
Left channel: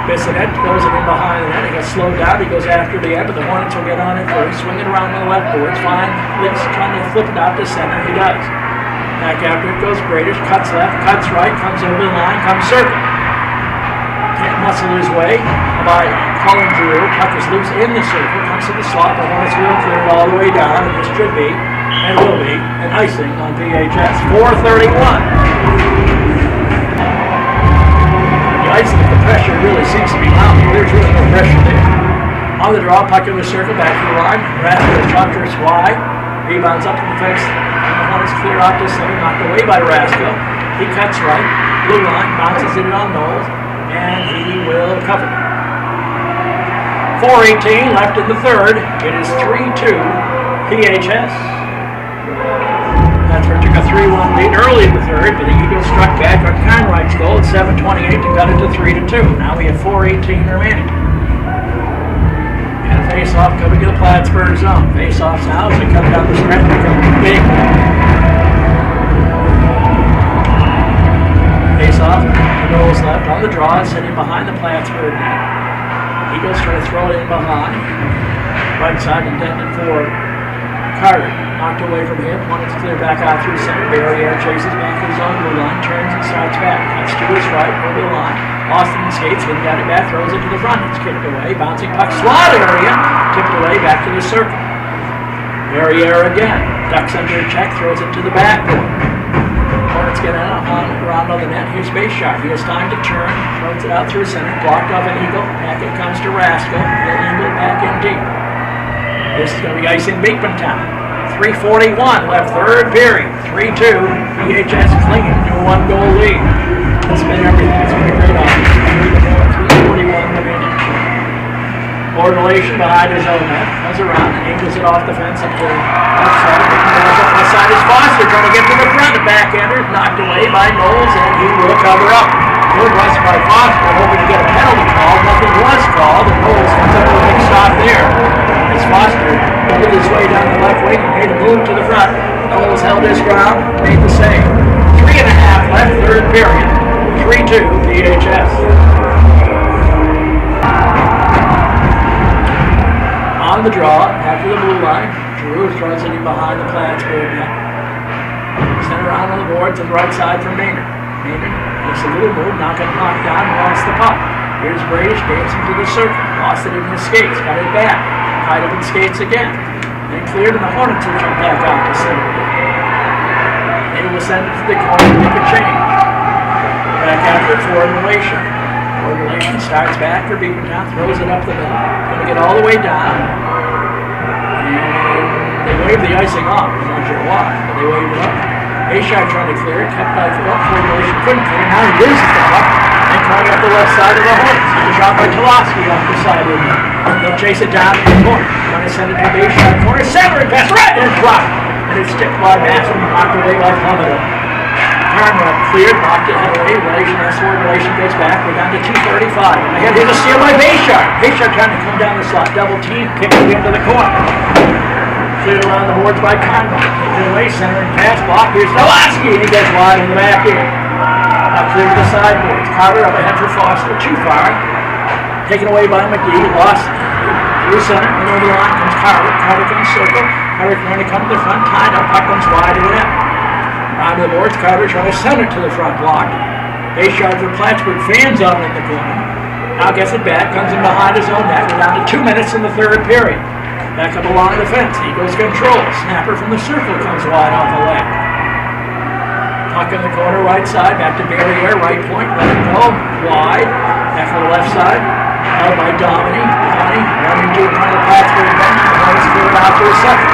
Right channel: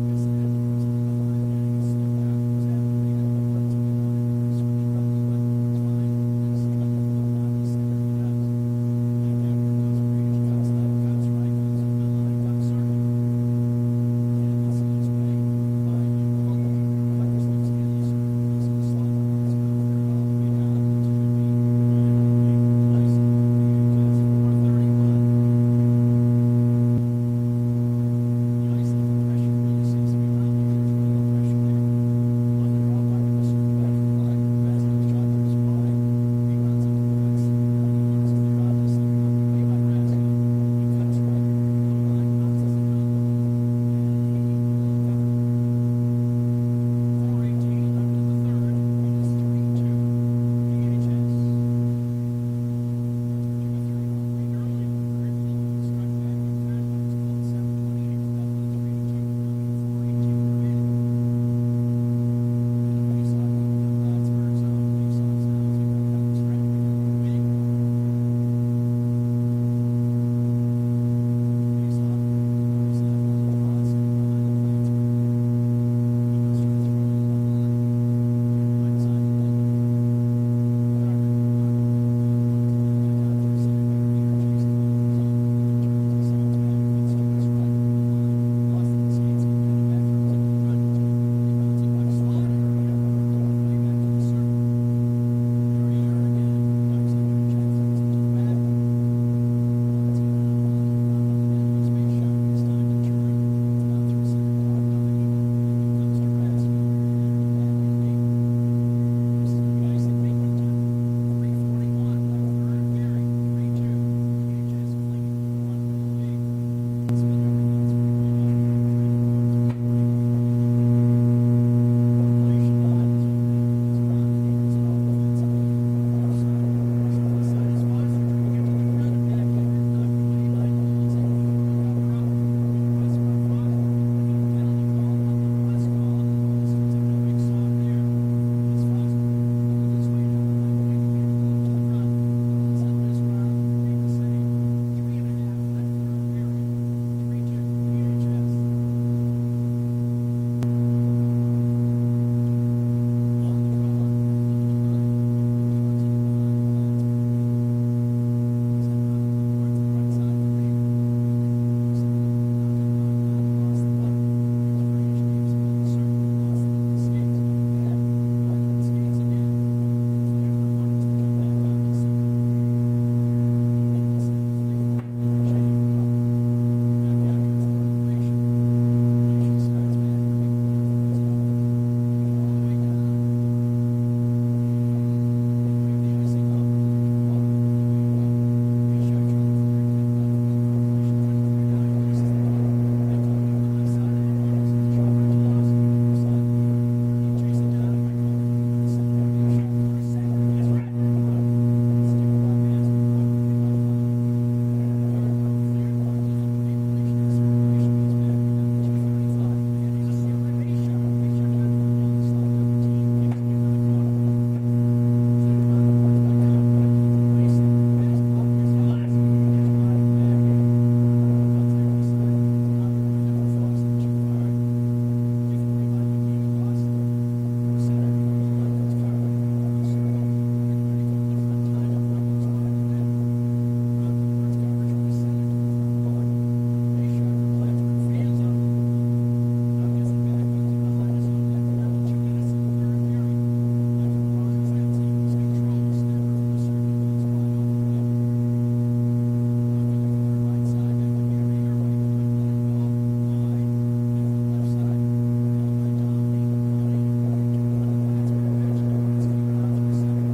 Bissonette goes it in behind the net. He gets slowed down. He goes after the end, but the Hornets will get on it first. Swing it around to the left boards. Fine. Lips trying to flip it out to center. He does. Back after it goes Bradish. Cuts left. Cuts right. Comes over the line. Comes circle. Can't muscle his way by Colin Drew. Puck is loose in the circle. Comes to the slot. The Hornets will clear it all the way down. And this should be, and will be, an icing on VHS. 4:31. Icing, the pressure really seems to be mounting. There's really no pressure there. On the draw, puck in the circle, back to the line. Raskell chuckers wide. Rebounds up to the fence. The Hornets clear out to center, knocked away by Raskell. He cuts right. Blue line, bounces it on Knowles, and he will cover. 4:18 left in the third. It is 3-2 PHS. Plattsburgh took a 3-1 lead early in the third, but the Eagles struck back on Conright's goal at 7:28 to cut it to 3-2. Now we have 4:18 remaining. And a face-off coming to the Plattsburgh zone. Face-offs now as they come down the stretch become big. Face-off, Knowles left on the draw, sitting behind the Plattsburgh net. Eagles try to throw it in behind. Right side intended for Carter. Knocked away from him, wanted to clear back out through center. Barrier chases back to his own blue line, turns and starts back. Cuts to his right, over the line. Austin skates, then got it back, throws it to the front. It's kicked away, bouncing puck, slot area, tipped away, back to the circle. Barrier again, ducks under a check, throws it to the back. Hornets get out around on the net. Here's base shot. He has time to turn, throws it out through center, blocked off an Eagle. Back it comes to Raskell, then Eagle back in deep. This is going to be icing Beekmantown. 3:41 left third period. 3-2. VHS clinging to a one-goal lead. It's been everything. It's been a great offense. 3:41 remaining. Ordination behind his own net. Comes around and angles it off the fence up to the left side. Left side is Foster trying to get to the front. The backhander knocked away by Knowles, and he will cover up. Good rush by Foster, hoping to get a penalty call. Nothing was called, and Knowles comes up with a big shot there. As Foster made his way down the left wing and made a move to the front. Knowles held his ground, made the save. 3.5 left third period. 3-2 VHS. On the draw, after the blue line, Drew throws it in behind the Plattsburgh net. Sent around on the board to the right side for Maynard. Maynard makes a little move, not going to knock down, and lost the puck. Here's Bradish, gains into the circle. Lost it in his skates, got it back. Tied up in skates again. Then cleared, and the Hornets will jump back out to center. They will send it to the corner to make a change. Back after for Relation. Relation starts back for Beekmantown, throws it up the middle. Going to get all the way down. And they wave the icing off. I'm not sure why, but they waved it up. A-Shot trying to clear it, kept by Relation, couldn't clear. Now he loses the puck. And coming up the left side of the Hornets. It's a shot by Tolosky off the side of the They'll chase it down to the corner. Trying to send it to the A-Shot corner. Centering pass right and dropped. And it's tipped by Matson and knocked away by Plummeter. Conrad cleared, knocked it away. Relation S4, Relation goes back. We're down to 2:35. And ahead, here's a steal by Bayshard. Bayshard trying to come down the slot. Double team, kicked it into the corner. Cleared around the boards by Conrad. Taken away, centering pass, block. Here's Tolosky, and he gets wide in the back end. Now cleared the sideboards. Carter up ahead for Foster. Too far. Taken away by McGee. Lost through center. And over the line comes Carter. Carter can circle. Carter trying to come to the front. Tied up. Puck comes wide of the net. Round to the boards. Carter trying to send it to the front block. Bayshard for Plattsburgh. Fans on in the corner. Now gets it back. Comes in behind his own net. We're down to 2 minutes in the third period. Back up along the fence. Eagles control. Snapper from the circle comes wide off the left. Puck in the corner, right side. Back to Barrier. Right point. Let it go. Wide. Back on the left side. Held by Domini. Running to the front of the Plattsburgh bench. The Hornets cleared out to a second.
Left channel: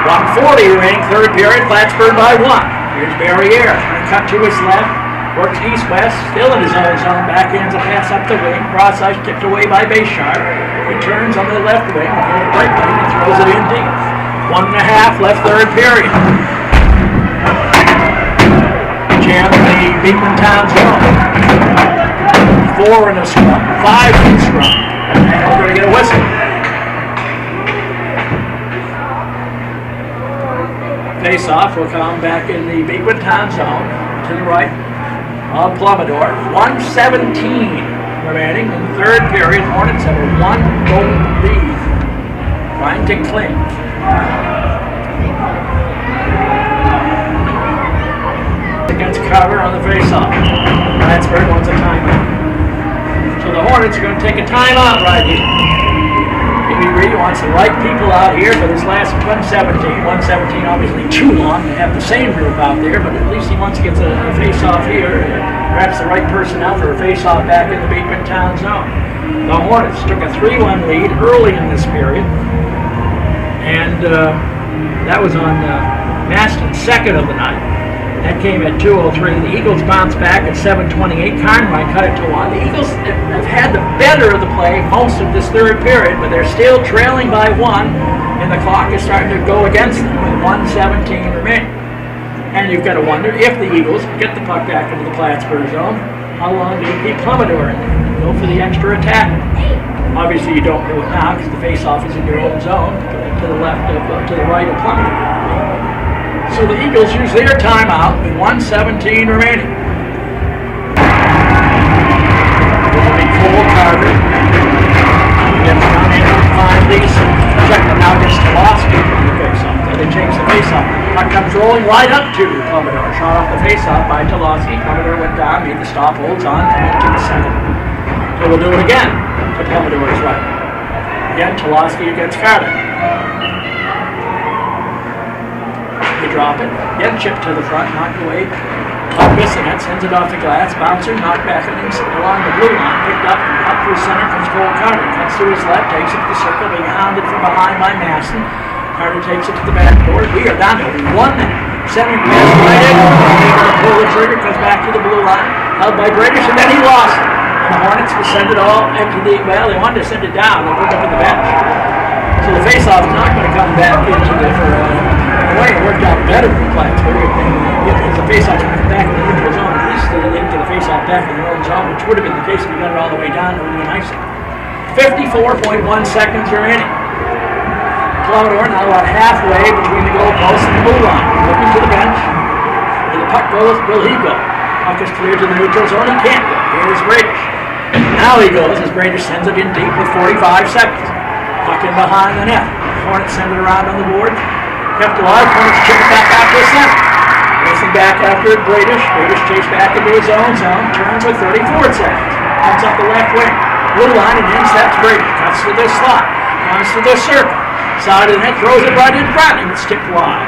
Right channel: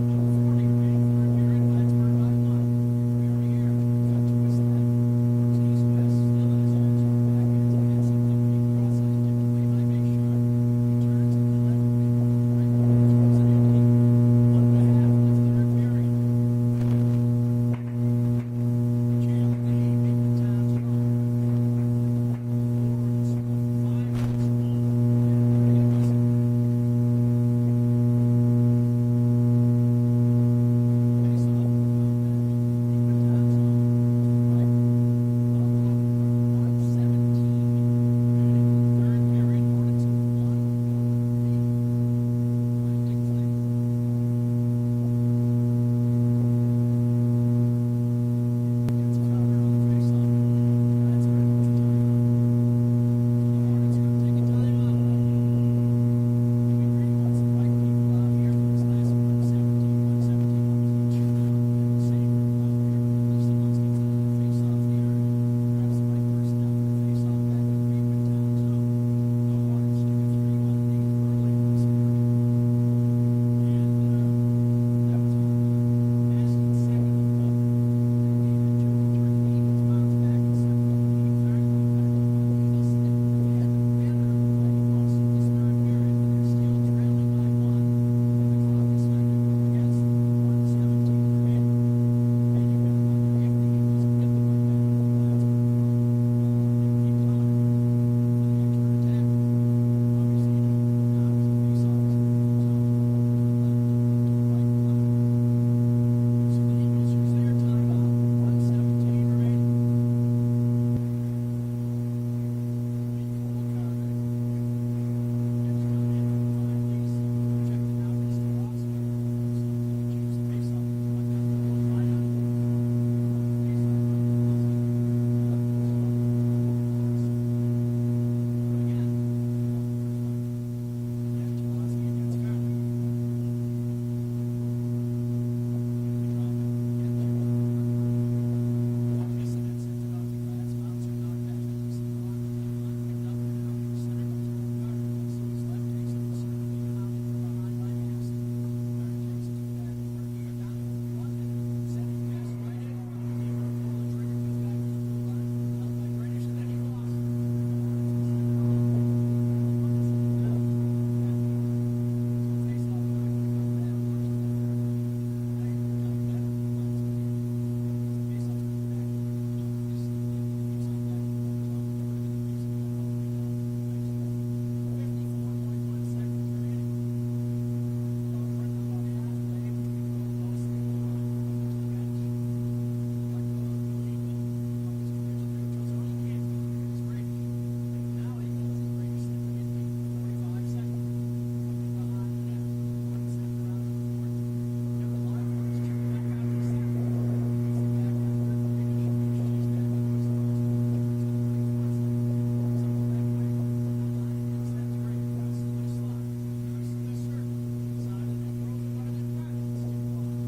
1:40 remaining, third period. Plattsburgh by 1. Here's Barrier. Trying to cut to his left. Works east-west. Still in his own zone. Backhands a pass up the wing. Broadside tipped away by Bayshard. Returns on the left wing. Right wing and throws it in deep. 1.5 left third period. Jam the Beekmantown zone. 4 in a scrum. 5 in a scrum. And we're going to get a whistle. Face-off will come back in the Beekmantown zone to the right of Plummetor. 1:17 remaining in the third period. Hornets have a 1-goal lead, trying to cling. Against cover on the face-off. Plattsburgh wants a timeout. So the Hornets are going to take a timeout right here. Maybe Reed wants the right people out here for this last 117. 117 obviously too long to have the same group out there, but at least he wants to get the face-off here. Perhaps the right personnel for a face-off back in the Beekmantown zone. The Hornets took a 3-1 lead early in this period, and that was on Maston's second of the night. That came at 2:03. The Eagles bounced back at 7:28. Carnwright cut it to 1. The Eagles have had the better of the play most of this third period, but they're still trailing by 1, and the clock is starting to go against them with 1:17 remaining. And you've got to wonder if the Eagles get the puck back into the Plattsburgh zone, how long do you keep Commodore in there? Go for the extra attack. Obviously, you don't do it now because the face-off is in your own zone to the left of, to the right of Commodore. So the Eagles use their timeout with 1:17 remaining. It'll be Cole Carter. Gets down in on 5 leads. Check them now against Tolosky on the face-off. So they change the face-off. Puck comes rolling right up to Commodore. Shot off the face-off by Tolosky. Commodore went down, made the stop, holds on, and into the second. So we'll do it again to Commodore's right. Again, Tolosky against Carter. They drop it, get chipped to the front, knocked away. Bissonette sends it off the glass, bouncer, knocked back along the blue line, picked up through center, comes Cole Carter, cuts to his left, takes it to the circle, being hounded from behind by Masson. Carter takes it to the backboard. We are down to 1 minute. Centering pass right in, able to pull the trigger, comes back to the blue line, held by British, and then he lost it. And the Hornets will send it all into the, well, they wanted to send it down, they put it up in the bench. So the face-off is not going to come back into the, it worked out better for Plattsburgh if the face-off went back in the neutral zone. At least they didn't get the face-off back in their own zone, which would have been the case if we got it all the way down. It would have been nicer. 54.1 seconds remaining. Commodore now about halfway between the goalpost and the blue line. Looking to the bench. Where the puck goes, will he go? Puck is cleared to the neutral zone. He can't go. Here's Bradish. Now he goes as Bradish sends it in deep with 45 seconds. Puck in behind the net. Hornets send it around on the board. Kept alive, Hornets chip it back out to the center. Racing back after Bradish. Bradish chased back into his own zone. Turns with 34 seconds. Comes up the left wing. Blue line and in steps Bradish. Cuts to the slot. Comes to the circle. Side of the net. Throws it right in front. And it's tipped wide.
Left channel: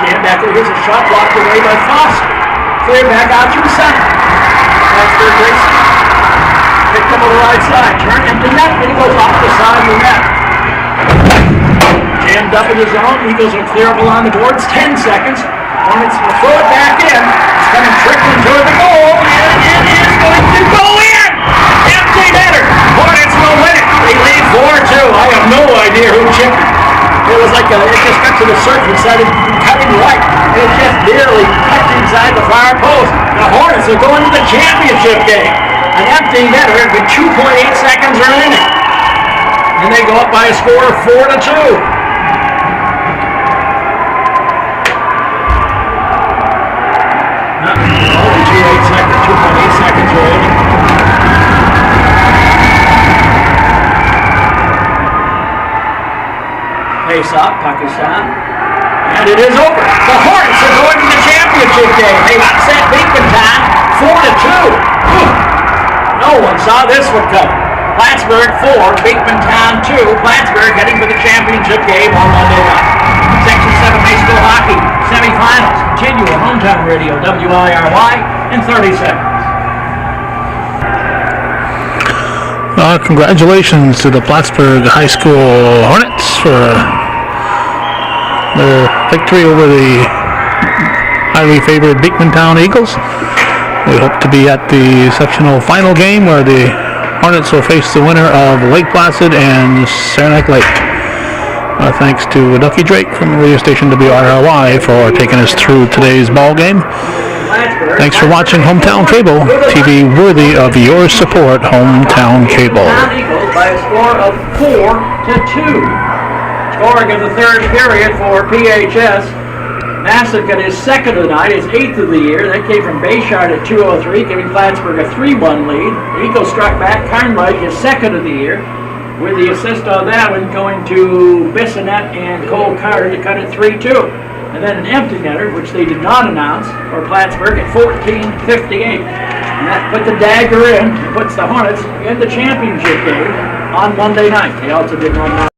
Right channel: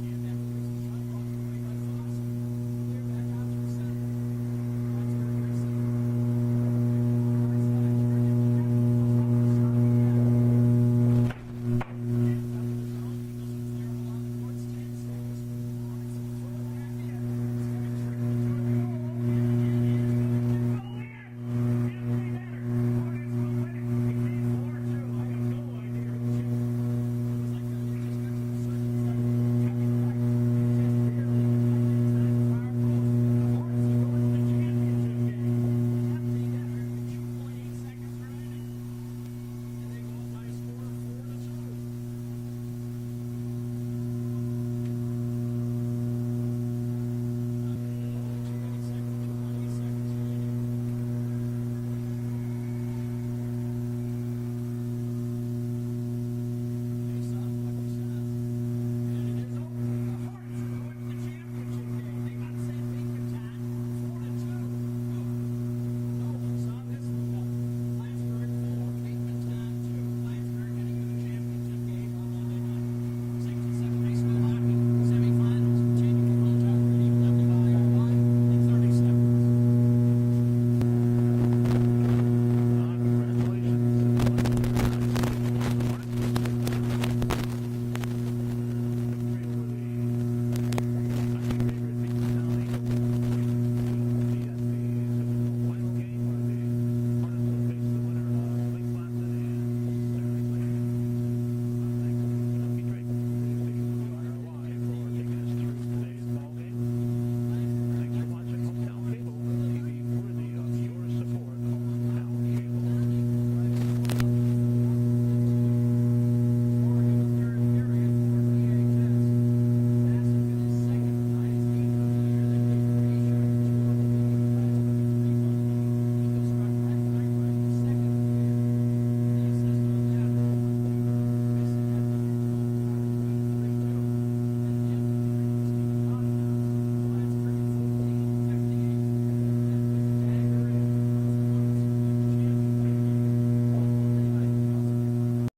Jam back there. Here's a shot blocked away by Foster. Cleared back out through center. Plattsburgh racing. Picked up on the right side. Turn empty net. And he goes off the side of the net. Jammed up in the zone. Eagles are clear up along the boards. 10 seconds. Hornets will throw it back in. It's coming trickling toward the goal. And it is going to go in. Empty netter. Hornets will win it. They lead 4-2. I have no idea who chipped it. It was like it just got to the circle and started cutting right. It just barely cut inside the far post. The Hornets are going to the championship game. An empty netter with 2.8 seconds remaining. And they go up by a score of 4-2. Face-off, puck is down, and it is over. The Hornets are going to the championship game. They upset Beekmantown 4-2. No one saw this one coming. Plattsburgh 4, Beekmantown 2. Plattsburgh heading for the championship game on Monday night. Section 7 high school hockey semifinals continue on Hometown Radio WIRY in 30 seconds. Congratulations to the Plattsburgh High School Hornets for their victory over the highly favored Beekmantown Eagles. We hope to be at the sectional final game where the Hornets will face the winner of Lake Placid and Saranac Lake. Thanks to Ducky Drake from the radio station WIRY for taking us through today's ball game. Thanks for watching Hometown Cable, TV worthy of your support, Hometown Cable. By a score of 4-2. Scoring in the third period for PHS. Nassau got his second of the night, his 8th of the year. That came from Bayshard at 2:03, giving Plattsburgh a 3-1 lead. Eagle struck back. Carnwright, his second of the year, with the assist on that one going to Bissonette and Cole Carter to cut it 3-2. And then an empty netter, which they did not announce, for Plattsburgh at 14:58. And that put the dagger in, and puts the Hornets in the championship game on Monday night. They also did not announce